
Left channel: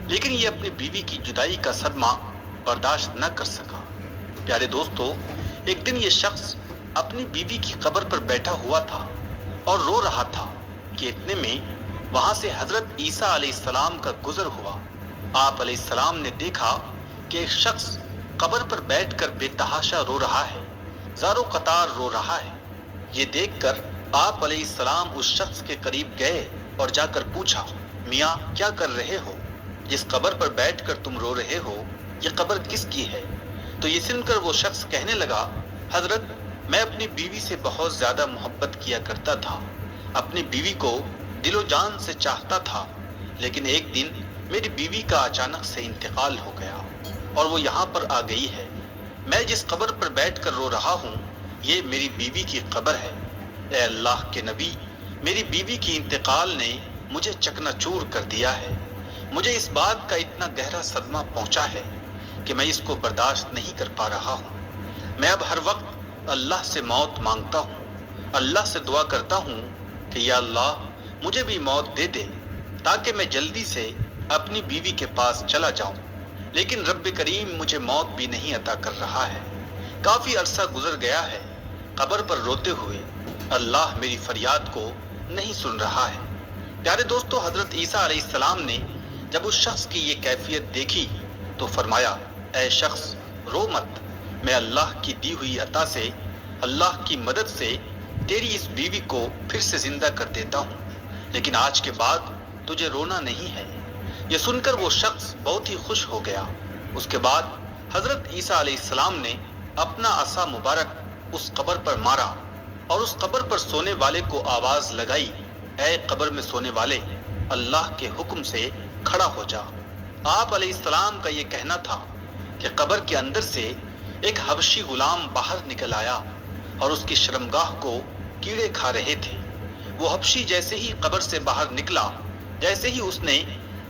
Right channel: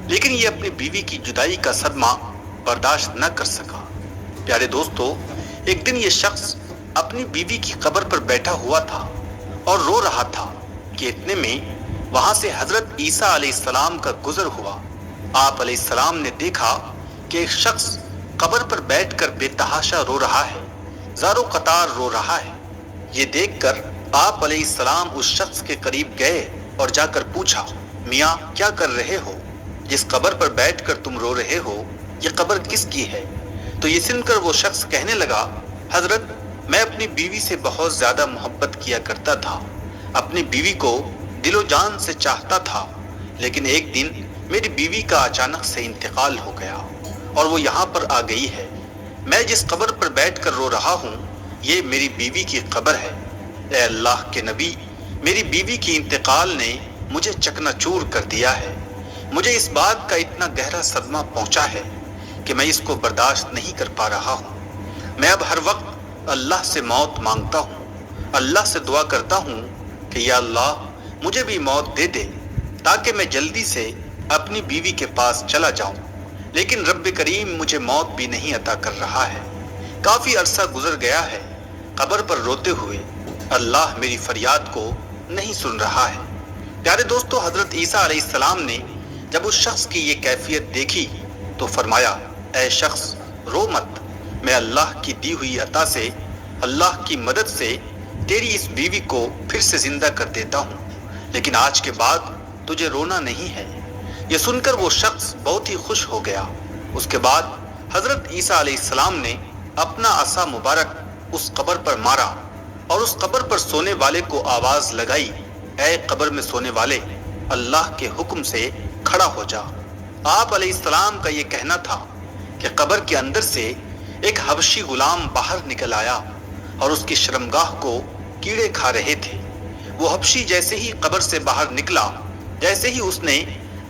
लेकिन ये अपनी बीवी की जुदाई का सदमा बर्दाश्त न कर सका। प्यारे दोस्तों, एक दिन ये शख्स अपनी बीवी की कब्र पर बैठा हुआ था और रो रहा था कि इतने में वहां से हजरत ईसा अलैहिस्सलाम का गुजर हुआ। आप अलैहिस्सलाम ने देखा कि एक शख्स कब्र पर बैठकर बेतहाशा रो रहा है, ज़ारो कतार रो रहा है। ये देखकर आप अलैहिस्सलाम उस शख्स के करीब गए और जाकर पूछा, मियाँ क्या कर रहे हो? जिस कब्र पर बैठकर तुम रो रहे हो, ये कब्र किसकी है? तो ये सुनकर वो शख्स कहने लगा, हजरत, मैं अपनी बीवी से बहुत ज्यादा मोहब्बत किया करता था, अपनी बीवी को दिलो जान से चाहता था, लेकिन एक दिन मेरी बीवी का अचानक से इंतकाल हो गया और वो यहाँ पर आ गई है। मैं जिस कब्र पर बैठकर रो रहा हूँ, ये मेरी बीवी की कब्र है। ए अल्लाह के नबी, मेरी बीवी की इंतकाल ने मुझे चकनाचूर कर दिया है। मुझे इस बात का इतना गहरा सदमा पहुंचा है कि मैं इसको बर्दाश्त नहीं कर पा रहा हूँ। मैं अब हर वक्त अल्लाह से मौत मांगता हूँ, अल्लाह से दुआ करता हूँ कि या अल्लाह मुझे भी मौत दे दे ताकि मैं जल्दी से अपनी बीवी के पास चला जाऊं, लेकिन रब्बे करीम मुझे मौत भी नहीं अता कर रहा है। काफी अरसा गुजर गया है कब्र पर रोते हुए, अल्लाह मेरी फरियाद को नहीं सुन रहा है। प्यारे दोस्तों, हजरत ईसा अलैहिस्सलाम ने जब उस शख्स की ये कैफियत देखी तो फरमाया, ऐ शख्स रो मत, मैं अल्लाह की दी हुई अता से, अल्लाह की मदद से तेरी इस बीवी को फिर से जिंदा कर देता हूँ, लेकिन आज के बाद तुझे रोना नहीं है। ये सुनकर वो शख्स बहुत ही खुश हो गया। उसके बाद हजरत ईसा अलैहिस्सलाम ने अपना असा मुबारक उस कब्र पर मारा और उस कब्र पर सोने वाले को आवाज लगाई, ऐ कब्र में सोने वाले, अल्लाह के हुक्म से खड़ा हो जा। आप अलैहिस्सलाम का ये कहना था कि कब्र के अंदर से एक हबशी गुलाम बाहर निकल आया और उसकी शर्मगाह को कीड़े खा रहे थे। वो हबशी जैसे ही कब्र से बाहर निकला, जैसे ही उसने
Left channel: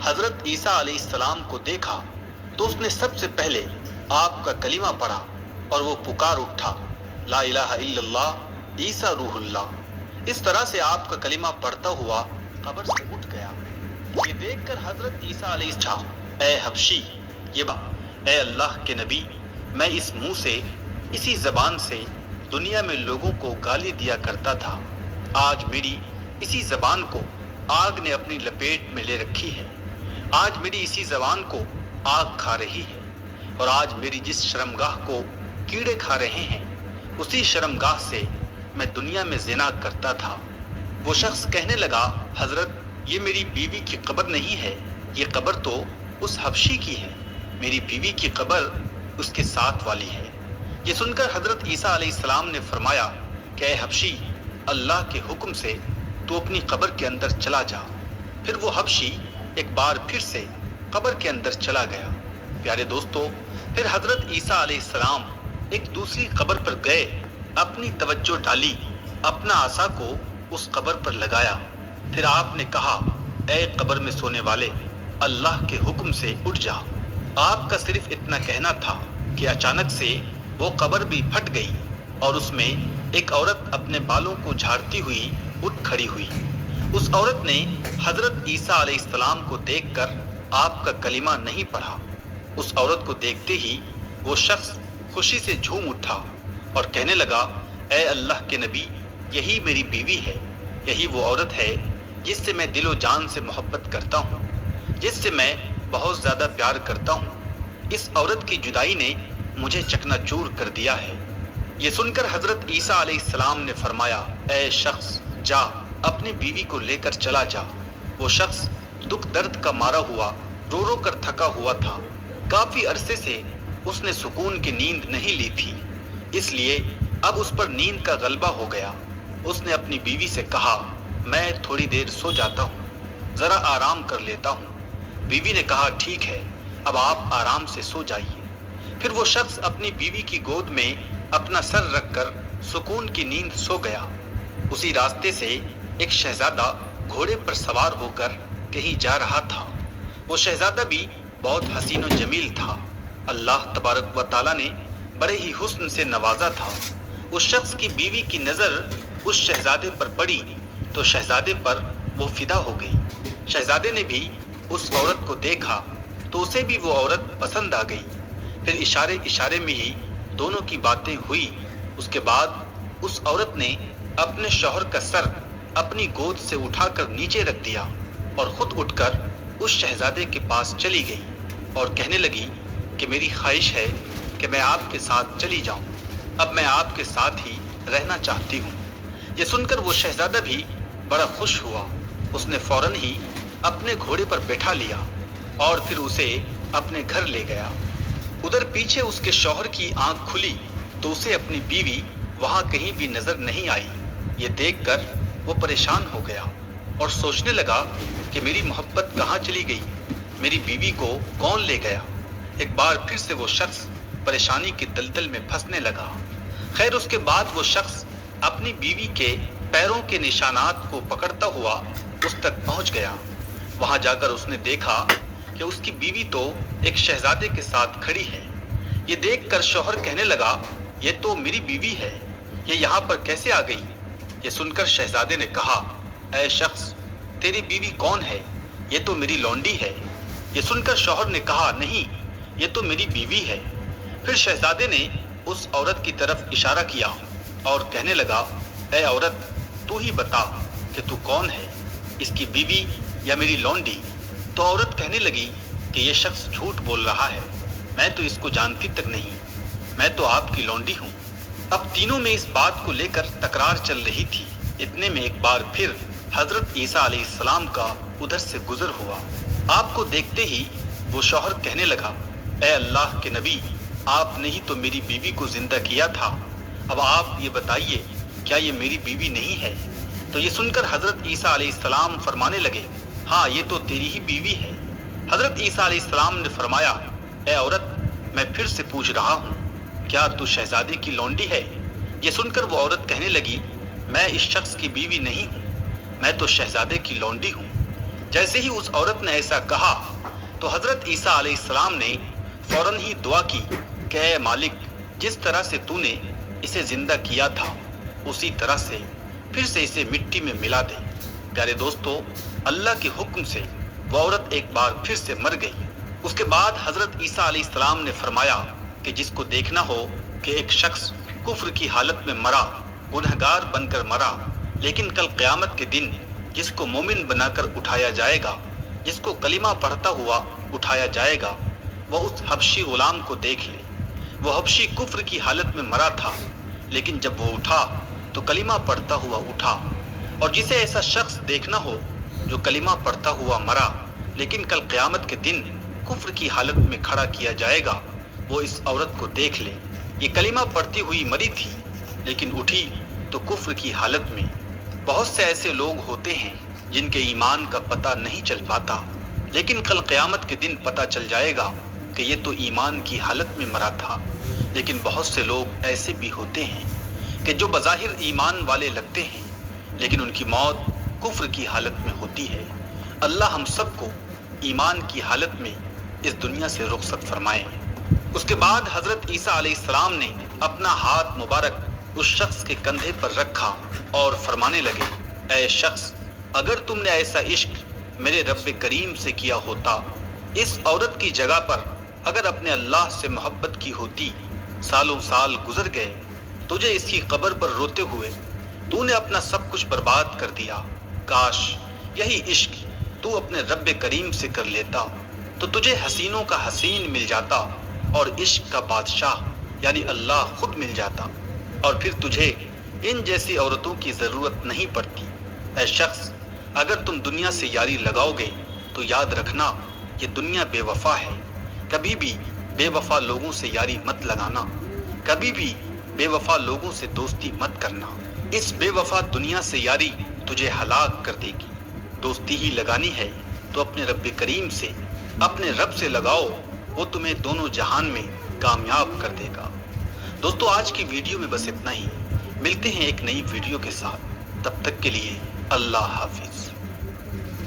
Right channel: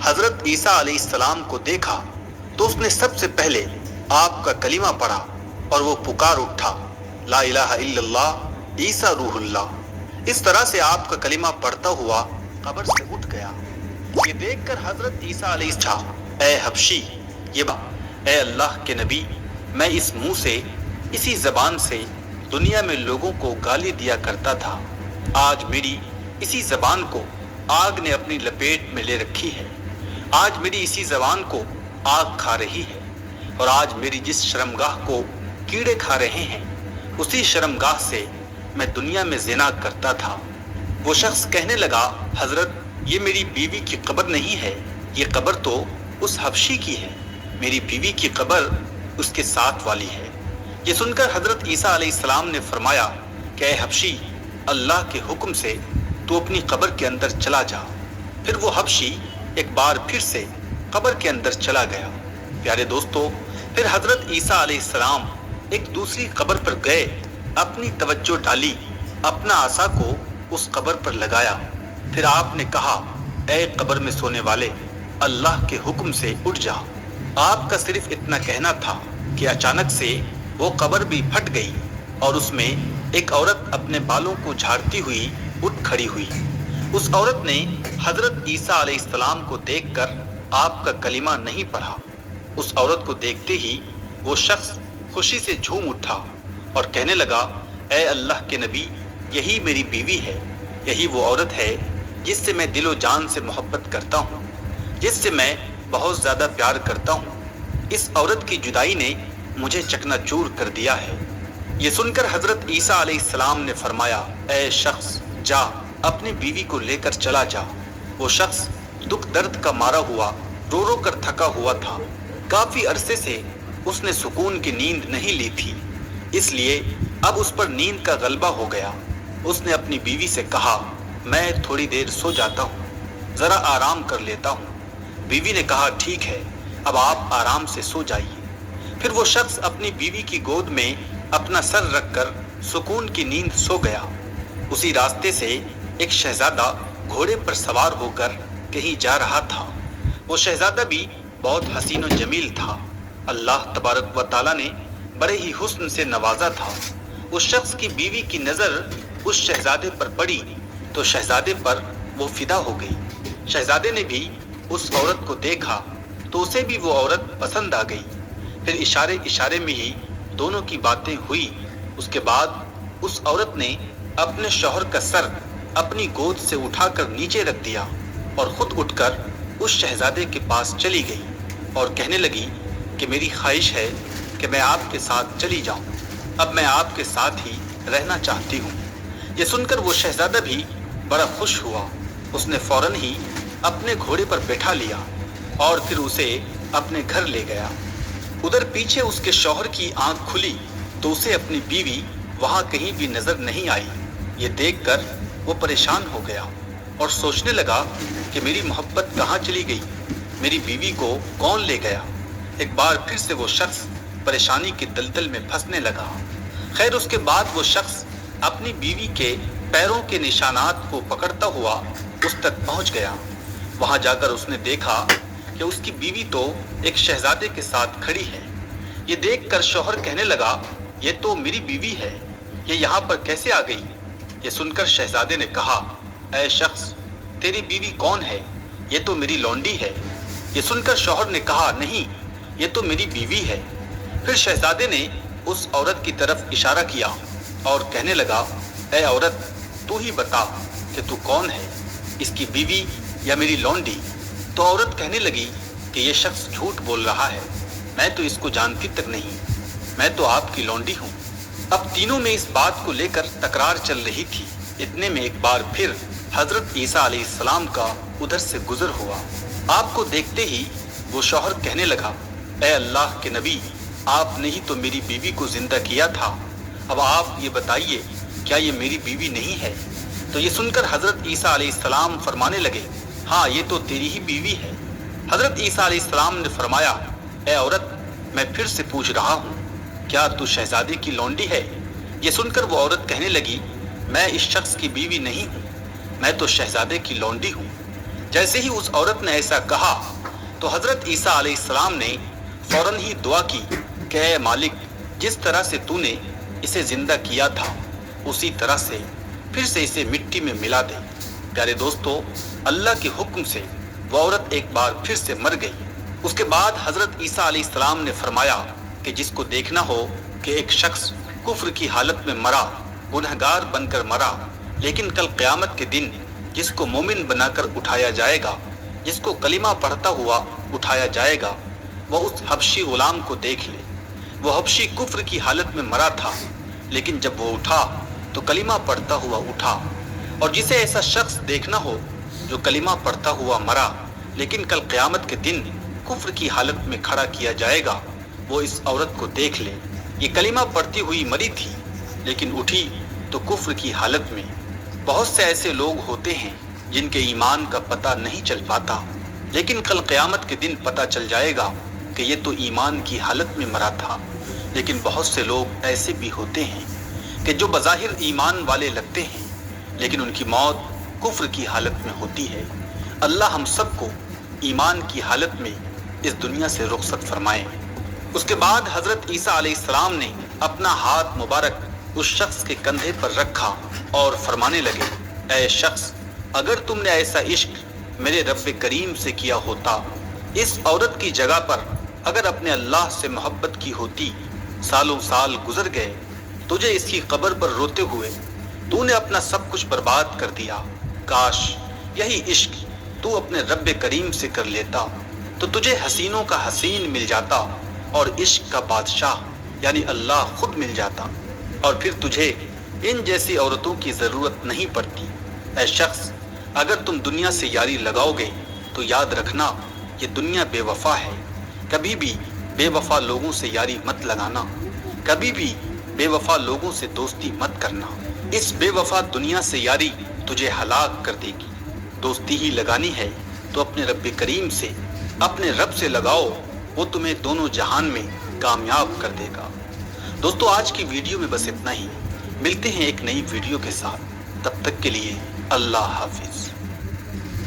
हजरत ईसा अलैहिस्सलाम को देखा तो उसने सबसे पहले आपका कलीमा पढ़ा और वो पुकार उठा, ला इलाहा इल्लल्लाह ईसा रूहुल्लाह। इस तरह से आपका कलीमा पढ़ता हुआ कब्र से उठ गया। ये देखकर हजरत ईसा अलैहिस्सलाम, ऐ हबशी, ऐ अल्लाह के नबी, मैं इस मुंह से, इसी जबान से दुनिया में लोगों को गाली दिया करता था। आज मेरी इसी जबान को आग ने अपनी लपेट में ले रखी है। आज मेरी इसी जबान को आग खा रही है और आज मेरी जिस शर्मगाह को कीड़े खा रहे हैं, उसी शर्मगाह से मैं दुनिया में ज़िना करता था। वो शख्स कहने लगा, हजरत, ये मेरी बीवी की कब्र नहीं है, ये कब्र तो उस हबशी की है। मेरी बीवी की कब्र उसके साथ वाली है। ये सुनकर हजरत ईसा अलैहिस्सलाम ने फरमाया कि ऐ हबशी, अल्लाह के हुक्म से तू अपनी कब्र के अंदर चला जा। फिर वो हबशी एक बार फिर से कब्र के अंदर चला गया। प्यारे दोस्तों, फिर हजरत ईसा अलैहिस्सलाम एक दूसरी कब्र पर गए, अपनी तवज्जो डाली, अपना आसा को उस कब्र पर लगाया। फिर आपने कहा, ऐ कब्र में सोने वाले, अल्लाह के हुक्म से उठ जा। आपका सिर्फ इतना कहना था कि अचानक से वो कब्र भी फट गई और उसमें एक औरत अपने बालों को झाड़ती हुई उठ खड़ी हुई। उस औरत ने हजरत ईसा अलैहिस्सलाम को देखकर आपका कलीमा नहीं पढ़ा। उस औरत को देखते ही वो शख्स खुशी से झूम उठा और कहने लगा, ऐ अल्लाह के नबी, यही मेरी बीवी है, यही वो औरत है जिससे मैं दिलो जान से मोहब्बत करता हूँ, जिससे मैं बहुत ज़्यादा प्यार करता हूँ। इस औरत की जुदाई ने मुझे चकनाचूर कर दिया है। ये सुनकर हजरत ईसा अलैहिस्सलाम ने फरमाया, ऐ शख्स, जा अपनी बीवी को लेकर चला जा। वो शख्स दुख दर्द का मारा हुआ रो रो कर थका हुआ था। काफी अरसे से اس نے سکون کی نیند نہیں لی تھی، اس لیے اب اس پر نیند کا غلبہ ہو گیا۔ اس نے اپنی بیوی سے کہا، میں تھوڑی دیر سو جاتا ہوں، ذرا آرام کر لیتا ہوں۔ بیوی نے کہا، ٹھیک ہے، اب آپ آرام سے سو جائیے۔ پھر وہ شخص اپنی بیوی کی گود میں اپنا سر رکھ کر سکون کی نیند سو گیا۔ اسی راستے سے ایک شہزادہ گھوڑے پر سوار ہو کر کہیں جا رہا تھا۔ وہ شہزادہ بھی بہت حسین و جمیل تھا۔ اللہ تبارک و تعالیٰ نے بڑے ہی حسن سے نوازا تھا۔ اس شخص کی بیوی کی نظر اس شہزادے پر پڑی تو شہزادے پر وہ فدا ہو گئی۔ شہزادے نے بھی اس عورت کو دیکھا تو اسے بھی وہ عورت پسند آ گئی۔ پھر اشارے اشارے میں ہی دونوں کی باتیں ہوئی۔ اس کے بعد اس عورت نے اپنے شوہر کا سر اپنی گود سے اٹھا کر نیچے رکھ دیا اور خود اٹھ کر اس شہزادے کے پاس چلی گئی اور کہنے لگی کہ میری خواہش ہے کہ میں آپ کے ساتھ چلی جاؤں، اب میں آپ کے ساتھ ہی رہنا چاہتی ہوں۔ یہ سن کر وہ شہزادہ بھی بڑا خوش ہوا۔ اس نے فوراً ہی اپنے گھوڑے پر بٹھا لیا اور پھر اسے اپنے گھر لے گیا۔ ادھر پیچھے اس کے شوہر کی آنکھ کھلی تو اسے اپنی بیوی وہاں کہیں بھی نظر نہیں آئی۔ یہ دیکھ کر وہ پریشان ہو گیا اور سوچنے لگا کہ میری محبت کہاں چلی گئی، میری بیوی کو کون لے گیا۔ ایک بار پھر سے وہ شخص پریشانی کے دلدل میں پھنسنے لگا۔ خیر اس کے بعد وہ شخص اپنی بیوی کے پیروں کے نشانات کو پکڑتا ہوا اس تک پہنچ گیا۔ وہاں جا کر اس نے دیکھا کہ اس کی بیوی تو ایک شہزادے کے ساتھ کھڑی ہے۔ یہ دیکھ کر شوہر کہنے لگا، یہ تو میری بیوی ہے، یہ یہاں پر کیسے آ گئی؟ یہ سن کر شہزادے نے کہا، اے شخص، تیری بیوی کون ہے؟ یہ تو میری لونڈی ہے۔ یہ سن کر شوہر نے کہا، نہیں، یہ تو میری بیوی ہے۔ پھر شہزادے نے اس عورت کی طرف اشارہ کیا اور کہنے لگا، اے عورت، تو ہی بتا کہ تو کون ہے، اس کی بیوی یا میری لونڈی؟ تو عورت کہنے لگی کہ یہ شخص جھوٹ بول رہا ہے، میں تو اس کو جانتی تک نہیں، میں تو آپ کی لونڈی ہوں۔ اب تینوں میں اس بات کو لے کر تکرار چل رہی تھی۔ اتنے میں ایک بار پھر حضرت عیسیٰ علیہ السلام کا ادھر سے گزر ہوا۔ آپ کو دیکھتے ہی وہ شوہر کہنے لگا، اے اللہ کے نبی، آپ نے ہی تو میری بیوی کو زندہ کیا تھا، اب آپ یہ بتائیے کیا یہ میری بیوی نہیں ہے؟ تو یہ سن کر حضرت عیسیٰ علیہ السلام فرمانے لگے، ہاں یہ تو تیری ہی بیوی ہے۔ حضرت عیسیٰ علیہ السلام نے فرمایا، اے عورت، میں پھر سے پوچھ رہا ہوں، کیا تو شہزادے کی لونڈی ہے؟ یہ سن کر وہ عورت کہنے لگی، میں اس شخص کی بیوی نہیں ہوں، میں تو شہزادے کی لونڈی ہوں۔ جیسے ہی اس عورت نے ایسا کہا تو حضرت عیسیٰ علیہ السلام نے فوراً ہی دعا کی کہ اے مالک، جس طرح سے تو نے اسے زندہ کیا تھا اسی طرح سے پھر سے اسے مٹی میں ملا دے۔ پیارے دوستو، اللہ کے حکم سے وہ عورت ایک بار پھر سے مر گئی۔ اس کے بعد حضرت عیسیٰ علیہ السلام نے فرمایا کہ جس کو دیکھنا ہو کہ ایک شخص کفر کی حالت میں مرا، گنہگار بن کر مرا، لیکن کل قیامت کے دن جس کو مومن بنا کر اٹھایا جائے گا، جس کو کلمہ پڑھتا ہوا اٹھایا جائے گا، وہ اس حبشی غلام کو دیکھ لے۔ وہ حبشی کفر کی حالت میں مرا تھا، لیکن جب وہ اٹھا تو کلمہ پڑھتا ہوا اٹھا۔ اور جسے ایسا شخص دیکھنا ہو جو کلمہ پڑھتا ہوا مرا لیکن کل قیامت کے دن کفر کی حالت میں کھڑا کیا جائے گا، وہ اس عورت کو دیکھ لے۔ یہ کلمہ پڑھتی ہوئی مری تھی لیکن اٹھی تو کفر کی حالت میں۔ بہت سے ایسے لوگ ہوتے ہیں جن کے ایمان کا پتہ نہیں چل پاتا، لیکن کل قیامت کے دن پتہ چل جائے گا کہ یہ تو ایمان کی حالت میں مرا تھا۔ لیکن بہت سے لوگ ایسے بھی ہوتے ہیں کہ جو بظاہر ایمان والے لگتے ہیں لیکن ان کی موت کفر کی حالت میں ہوتی ہے۔ اللہ ہم سب کو ایمان کی حالت میں اس دنیا سے رخصت فرمائے۔ اس کے بعد حضرت عیسیٰ علیہ السلام نے اپنا ہاتھ مبارک اس شخص کے کندھے پر رکھا اور فرمانے لگے، اے شخص، اگر تم نے ایسا عشق میرے رب کریم سے کیا ہوتا، اس عورت کی جگہ پر اگر اپنے اللہ سے محبت کی ہوتی، سالوں سال گزر گئے، تجھے اس کی قبر پر روتے ہوئے تو نے اپنا سب کچھ برباد کر دیا۔ کاش یہی عشق تو اپنے رب کریم سے کر لیتا تو تجھے حسینوں کا حسین مل جاتا اور عشق کا بادشاہ یعنی اللہ خود مل جاتا، اور پھر تجھے ان جیسی عورتوں کی ضرورت نہیں پڑتی۔ اے شخص، اگر تم دنیا سے یاری لگاؤ گے تو یاد رکھنا یہ دنیا بے وفا ہے، کبھی بھی बेवफा लोगों से यारी मत लगाना, कभी भी बेवफा लोगों से दोस्ती मत करना। इस बेवफा दुनिया से यारी तुझे हलाक कर देगी। दोस्ती ही लगानी है तो अपने रब करीम से, अपने रब से लगाओ, वो तुम्हें दोनों जहान में कामयाब कर देगा। दोस्तों आज की वीडियो में बस इतना ही। मिलते हैं एक नई वीडियो के साथ, तब तक के लिए अल्लाह हाफिज।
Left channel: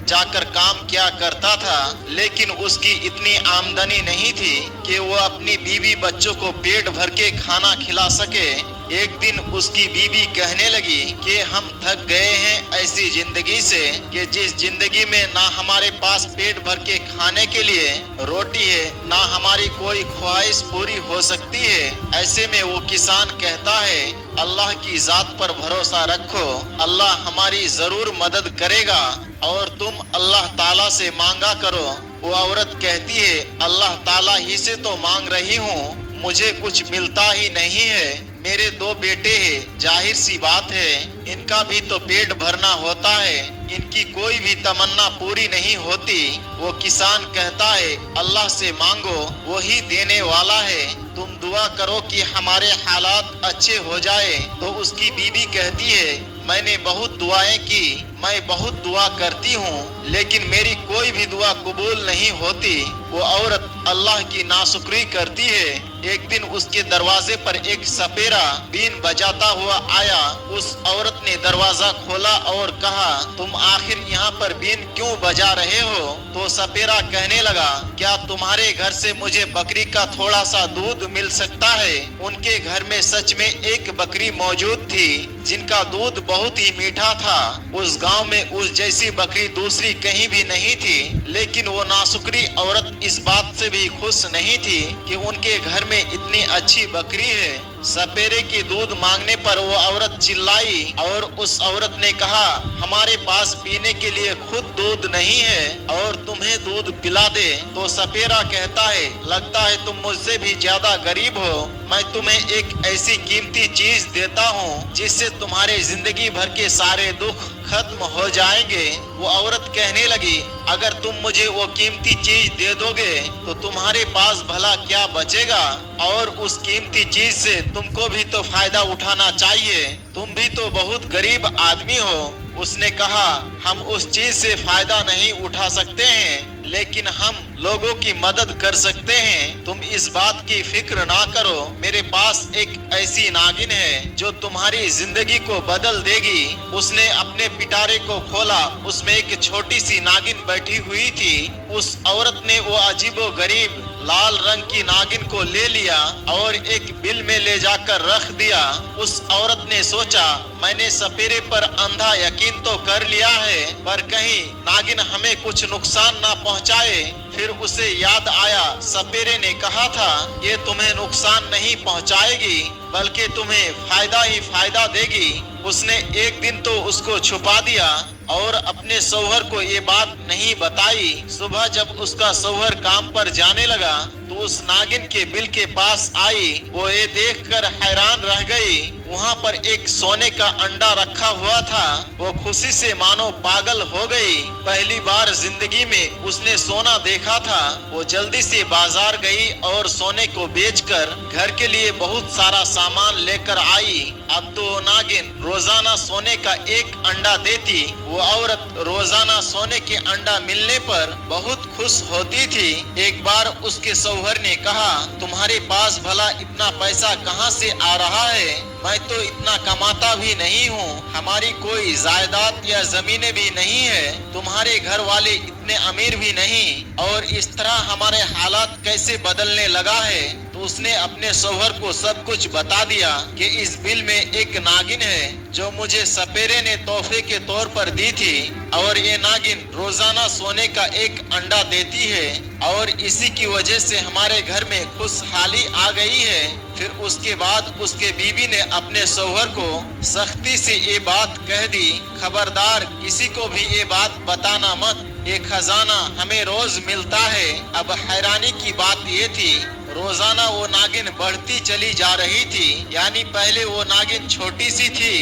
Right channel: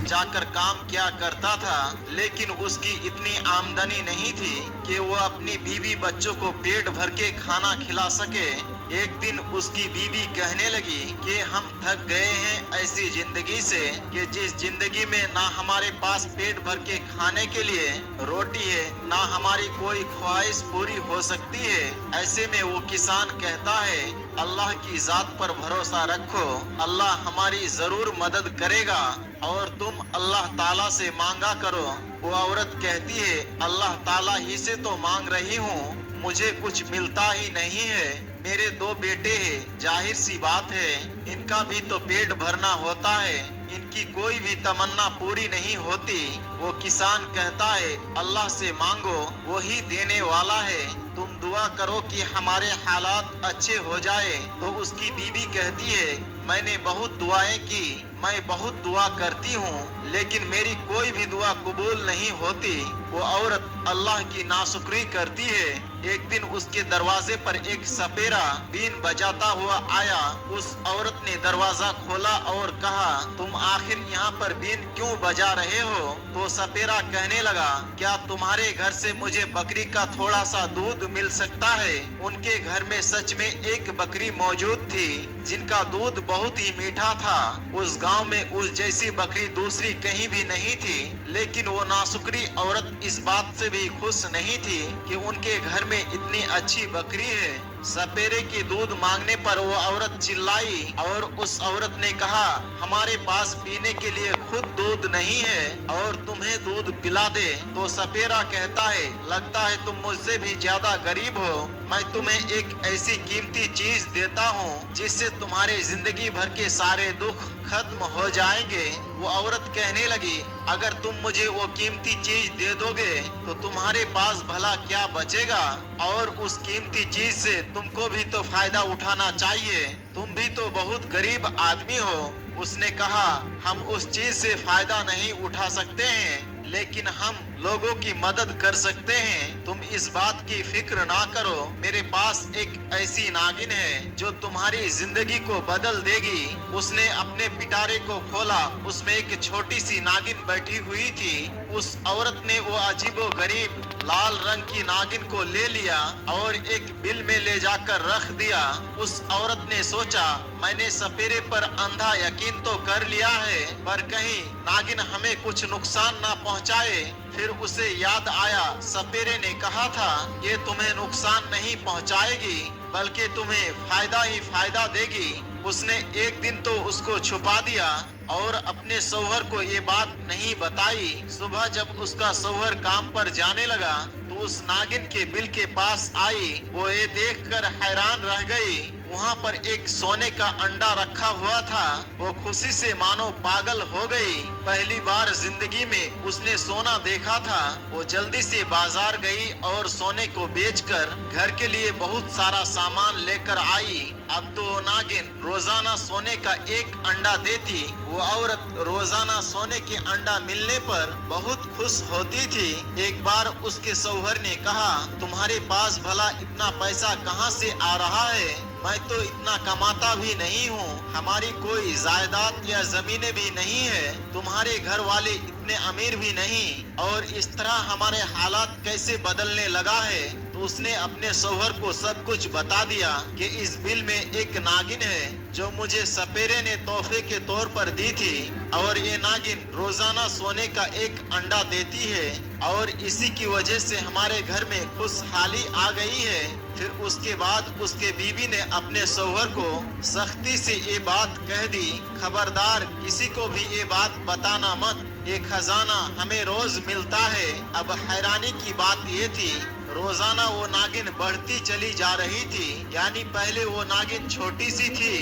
जाकर काम क्या करता था, लेकिन उसकी इतनी आमदनी नहीं थी कि वो अपनी बीवी बच्चों को पेट भर के खाना खिला सके। एक दिन उसकी बीवी कहने लगी कि हम थक गए हैं ऐसी जिंदगी से कि जिस जिंदगी में ना हमारे पास पेट भर के खाने के लिए रोटी है, ना हमारी कोई ख्वाहिश पूरी हो सकती है। ऐसे में वो किसान कहता है, अल्लाह की जात पर भरोसा रखो, अल्लाह हमारी जरूर मदद करेगा और तुम अल्लाह ताला से मांगा करो। वो औरत कहती है, अल्लाह ताला ही से तो मांग रही हूँ, मुझे कुछ मिलता ही नहीं है। मेरे 2 बेटे हैं, जाहिर सी बात है इनका भी तो पेट भरना होता है, इनकी कोई भी तमन्ना पूरी नहीं होती। वो किसान कहता है, अल्लाह से मांगो, वही देने वाला है, तुम दुआ करो कि हमारे हालात अच्छे हो जाए। तो उसकी बीवी कहती है, मैंने बहुत दुआएं की, मैं बहुत दुआ करती हूँ, लेकिन मेरी कोई भी दुआ कबूल नहीं होती। वो औरत अल्लाह की नाशुक्री करती है। एक दिन उसके दरवाजे पर एक सपेरा बीन बजाता हुआ आया। उस औरत ने दरवाजा खोला और कहा, तुम आखिर यहाँ पर बीन क्यों बजा रहे हो? तो सपेरा कहने लगा, क्या तुम्हारे घर से मुझे बकरी का थोड़ा सा दूध मिल सकता है? उनके घर में सच में एक बकरी मौजूद थी जिनका दूध बहुत ही मीठा था। उस गांव में उस जैसी बकरी दूसरी कहीं भी नहीं थी, लेकिन वो नाशुक्री औरत इस बात से भी खुश नहीं थी कि उनके घर में इतनी अच्छी बकरी है। सपेरे की दूध मांगने पर वो औरत चिल्लाई और उस औरत ने कहा, हमारे पास पीने के लिए खुद दूध नहीं है और तुम्हें दूध पिला दे। तो सपेरा कहता है, लगता है तुम मुझसे भी ज्यादा गरीब हो, मैं तुम्हें एक ऐसी कीमती चीज देता हूँ जिससे तुम्हारे जिंदगी भर के सारे दुख खत्म हो जाएंगे। वो औरत कहने लगी, अगर तुम मुझे वो कीमती चीज दे दोगे तो तुम्हारे पास भला क्या बचेगा, और उस कीमती चीज से तुमको भी तो फायदा उठाना चाहिए, तुम भी तो बहुत गरीब आदमी हो। उसने कहा, हम उस चीज से फायदा नहीं उठा सकते हैं, लेकिन हम लोगों की मदद कर सकते हैं। तुम इस बात की फिक्र ना करो, मेरे पास एक ऐसी नागिन है जो तुम्हारी जिंदगी को बदल देगी। उसने अपने पिटारे को खोला, उसमें एक छोटी सी नागिन बैठी हुई थी। उस औरत ने वो अजीबो गरीब लाल रंग की नागिन को ले लिया और एक बिल में ले जाकर रख दिया। उस औरत ने सोचा, मैंने सपेरे पर अंधा यकीन तो कर लिया है, पर कहीं नागिन हमें कुछ नुकसान ना पहुंचाए। फिर उसे याद आया, सपेरे ने कहा था, ये तुम्हें नुकसान नहीं पहुंचाएगी बल्कि तुम्हें फायदा ही फायदा देगी। उसने एक दिन तो उसको छुपा दिया और अपने शौहर को ये बात नहीं बताई। सुबह जब उसका शौहर काम पर जाने लगा तो उस नागिन के बिल के पास आई। वो ये देखकर हैरान रह गई, वहाँ पर एक सोने का अंडा रखा हुआ था। वो खुशी से मानो पागल हो गई, पहली बार जिंदगी में उसने सोना देखा था। वो जल्दी से बाजार गई और सोने को बेचकर घर के लिए बहुत सारा सामान लेकर आई। अब तो नागिन रोजाना सोने का एक अंडा देती। वो औरत रोजाना सोने के अंडा मिलने पर बहुत खुश होती थी। एक बार उसके शौहर ने कहा, तुम्हारे पास भला इतना पैसा कहाँ से आ रहा है? मैं तो इतना कमाता भी नहीं हूँ, हमारी कोई जायदाद या जमीनें भी नहीं है, तुम्हारे घर वाले इतने अमीर भी नहीं, और इस तरह हमारे हालात कैसे बदलने लगा है। तो उसने अपने शौहर को सब कुछ बता दिया कि इस बिल में एक नागिन है जो मुझे सपेरे ने तोहफे के तौर पर दी थी, और ये नागिन रोजाना सोने का एक अंडा देती है, और इसी की वजह से हमारे घर में खुशहाली आ गई है। फिर उसके बाद उसके बीवी ने अपने शौहर को सख्ती से ये बात कह दी, खबरदार किसी को भी ये बात बताना मत, ये खजाना हमें रोज मिलता है। अब हैरानी की बात ये थी, रोजाना वो नागिन बढ़ती चली जा रही थी, यानी पहले वो नागिन छोटी सी थी,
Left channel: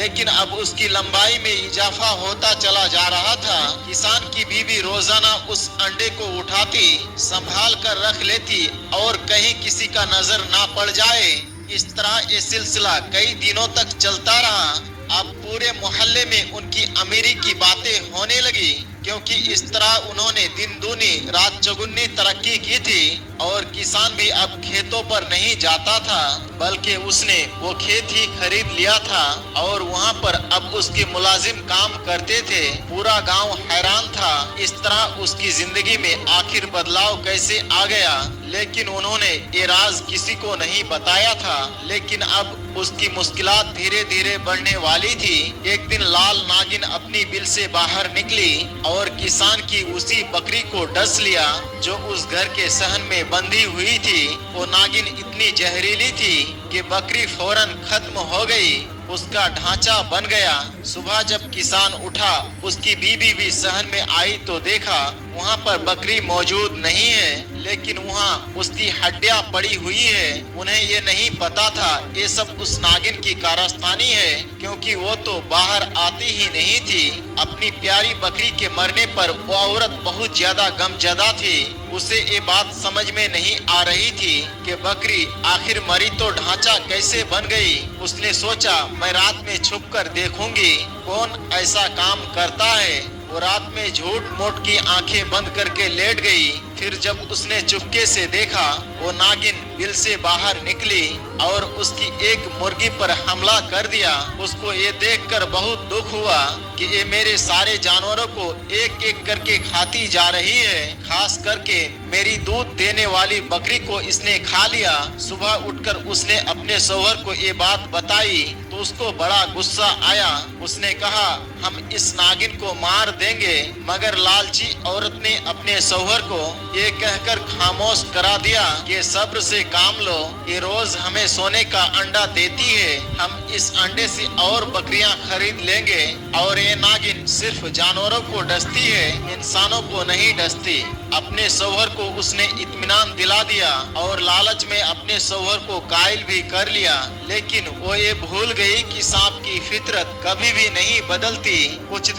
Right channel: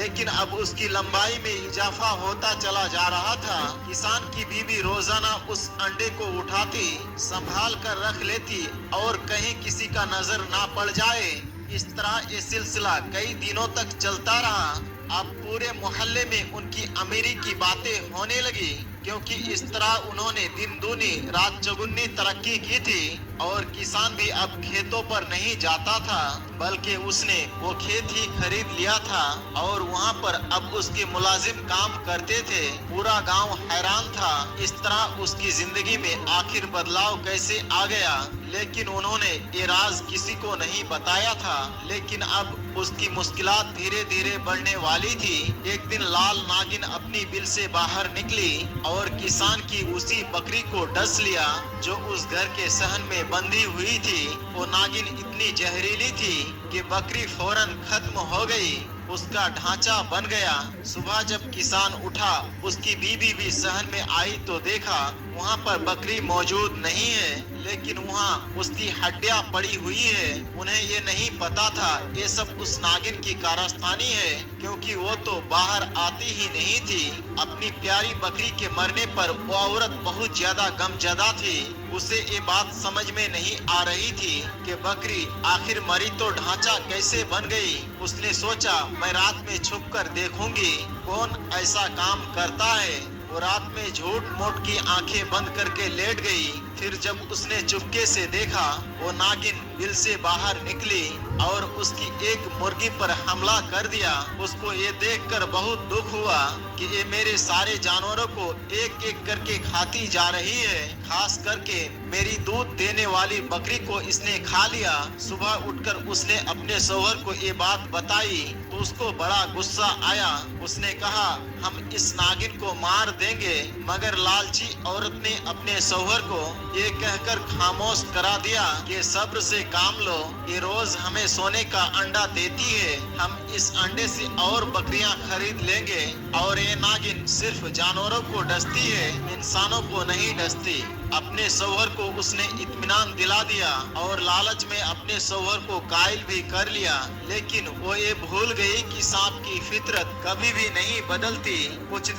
लेकिन अब उसकी लंबाई में इजाफा होता चला जा रहा था। किसान की बीवी रोजाना उस अंडे को उठाती, संभाल कर रख लेती और कहीं किसी का नजर ना पड़ जाए। इस तरह ये सिलसिला कई दिनों तक चलता रहा। अब पूरे मोहल्ले में उनकी अमीरी की बातें होने लगी, क्योंकि इस तरह उन्होंने दिन दूनी रात चौगुनी तरक्की की थी और किसान भी अब खेतों पर नहीं जाता था, बल्कि उसने वो खेत ही खरीद लिया था और वहाँ पर अब उसके मुलाजिम काम करते थे। पूरा गांव हैरान था, इस तरह उसकी जिंदगी में आखिर बदलाव कैसे आ गया। लेकिन उन्होंने ये राज किसी को नहीं बताया था। लेकिन अब उसकी मुश्किलात धीरे धीरे बढ़ने वाली थी। एक दिन लाल नागिन अपनी बिल से बाहर निकली और किसान की उसी बकरी को डस लिया जो उस घर के सहन में बंधी हुई थी। वो नागिन इतनी जहरीली थी कि बकरी फौरन खत्म हो गई, उसका ढांचा बन गया। सुबह जब किसान उठा, उसकी बीवी भी सहन में आई तो देखा वहाँ पर बकरी मौजूद नहीं है, लेकिन वहाँ उसकी हड्डियाँ पड़ी हुई है। उन्हें ये नहीं पता था ये सब उस नागिन की कारस्तानी है, क्योंकि वो तो बाहर आती ही नहीं थी। अपनी प्यारी बकरी के मरने पर वो औरत बहुत ज्यादा गमजदा थी। उसे ये बात समझ में नहीं आ रही थी कि बकरी आखिर मरी तो ढांचा कैसे बन गई। उसने सोचा मैं रात में छुप कर देखूंगी कौन ऐसा काम करता है। वो रात में झूठ मूठ की आंखें बंद करके लेट गई। फिर जब उसने चुपके से देखा, वो नागिन बिल से बाहर निकली और उसकी एक मुर्गी पर हमला कर दिया। उसको ये देखकर बहुत दुख हुआ कि ये मेरे सारे जानवरों को एक एक करके खाती जा रही है। खास करके मेरी दूध देने वाली बकरी को इसने खा लिया। सुबह उठकर उसने अपने शौहर को ये बात बताई तो उसको बड़ा गुस्सा आया। उसने कहा हम इस नागिन को मार देंगे, मगर लालची औरत ने अपने शौहर को ये कहकर खामोश करा दिया कि सब्र से काम लो, ये रोज हमें सोने का अंडा देती है, हम इस अंडे से और बकरियां खरीद लेंगे। और ये नागिन सिर्फ जानवरों को डसती है, इंसानों को नहीं डसती। अपने शौहर को उसने इत्मीनान दिला दिया और लालच में अपने शौहर को कायल भी कर लिया। लेकिन वो ये भूल गई कि सांप की फितरत कभी भी नहीं बदलती। कुछ दिन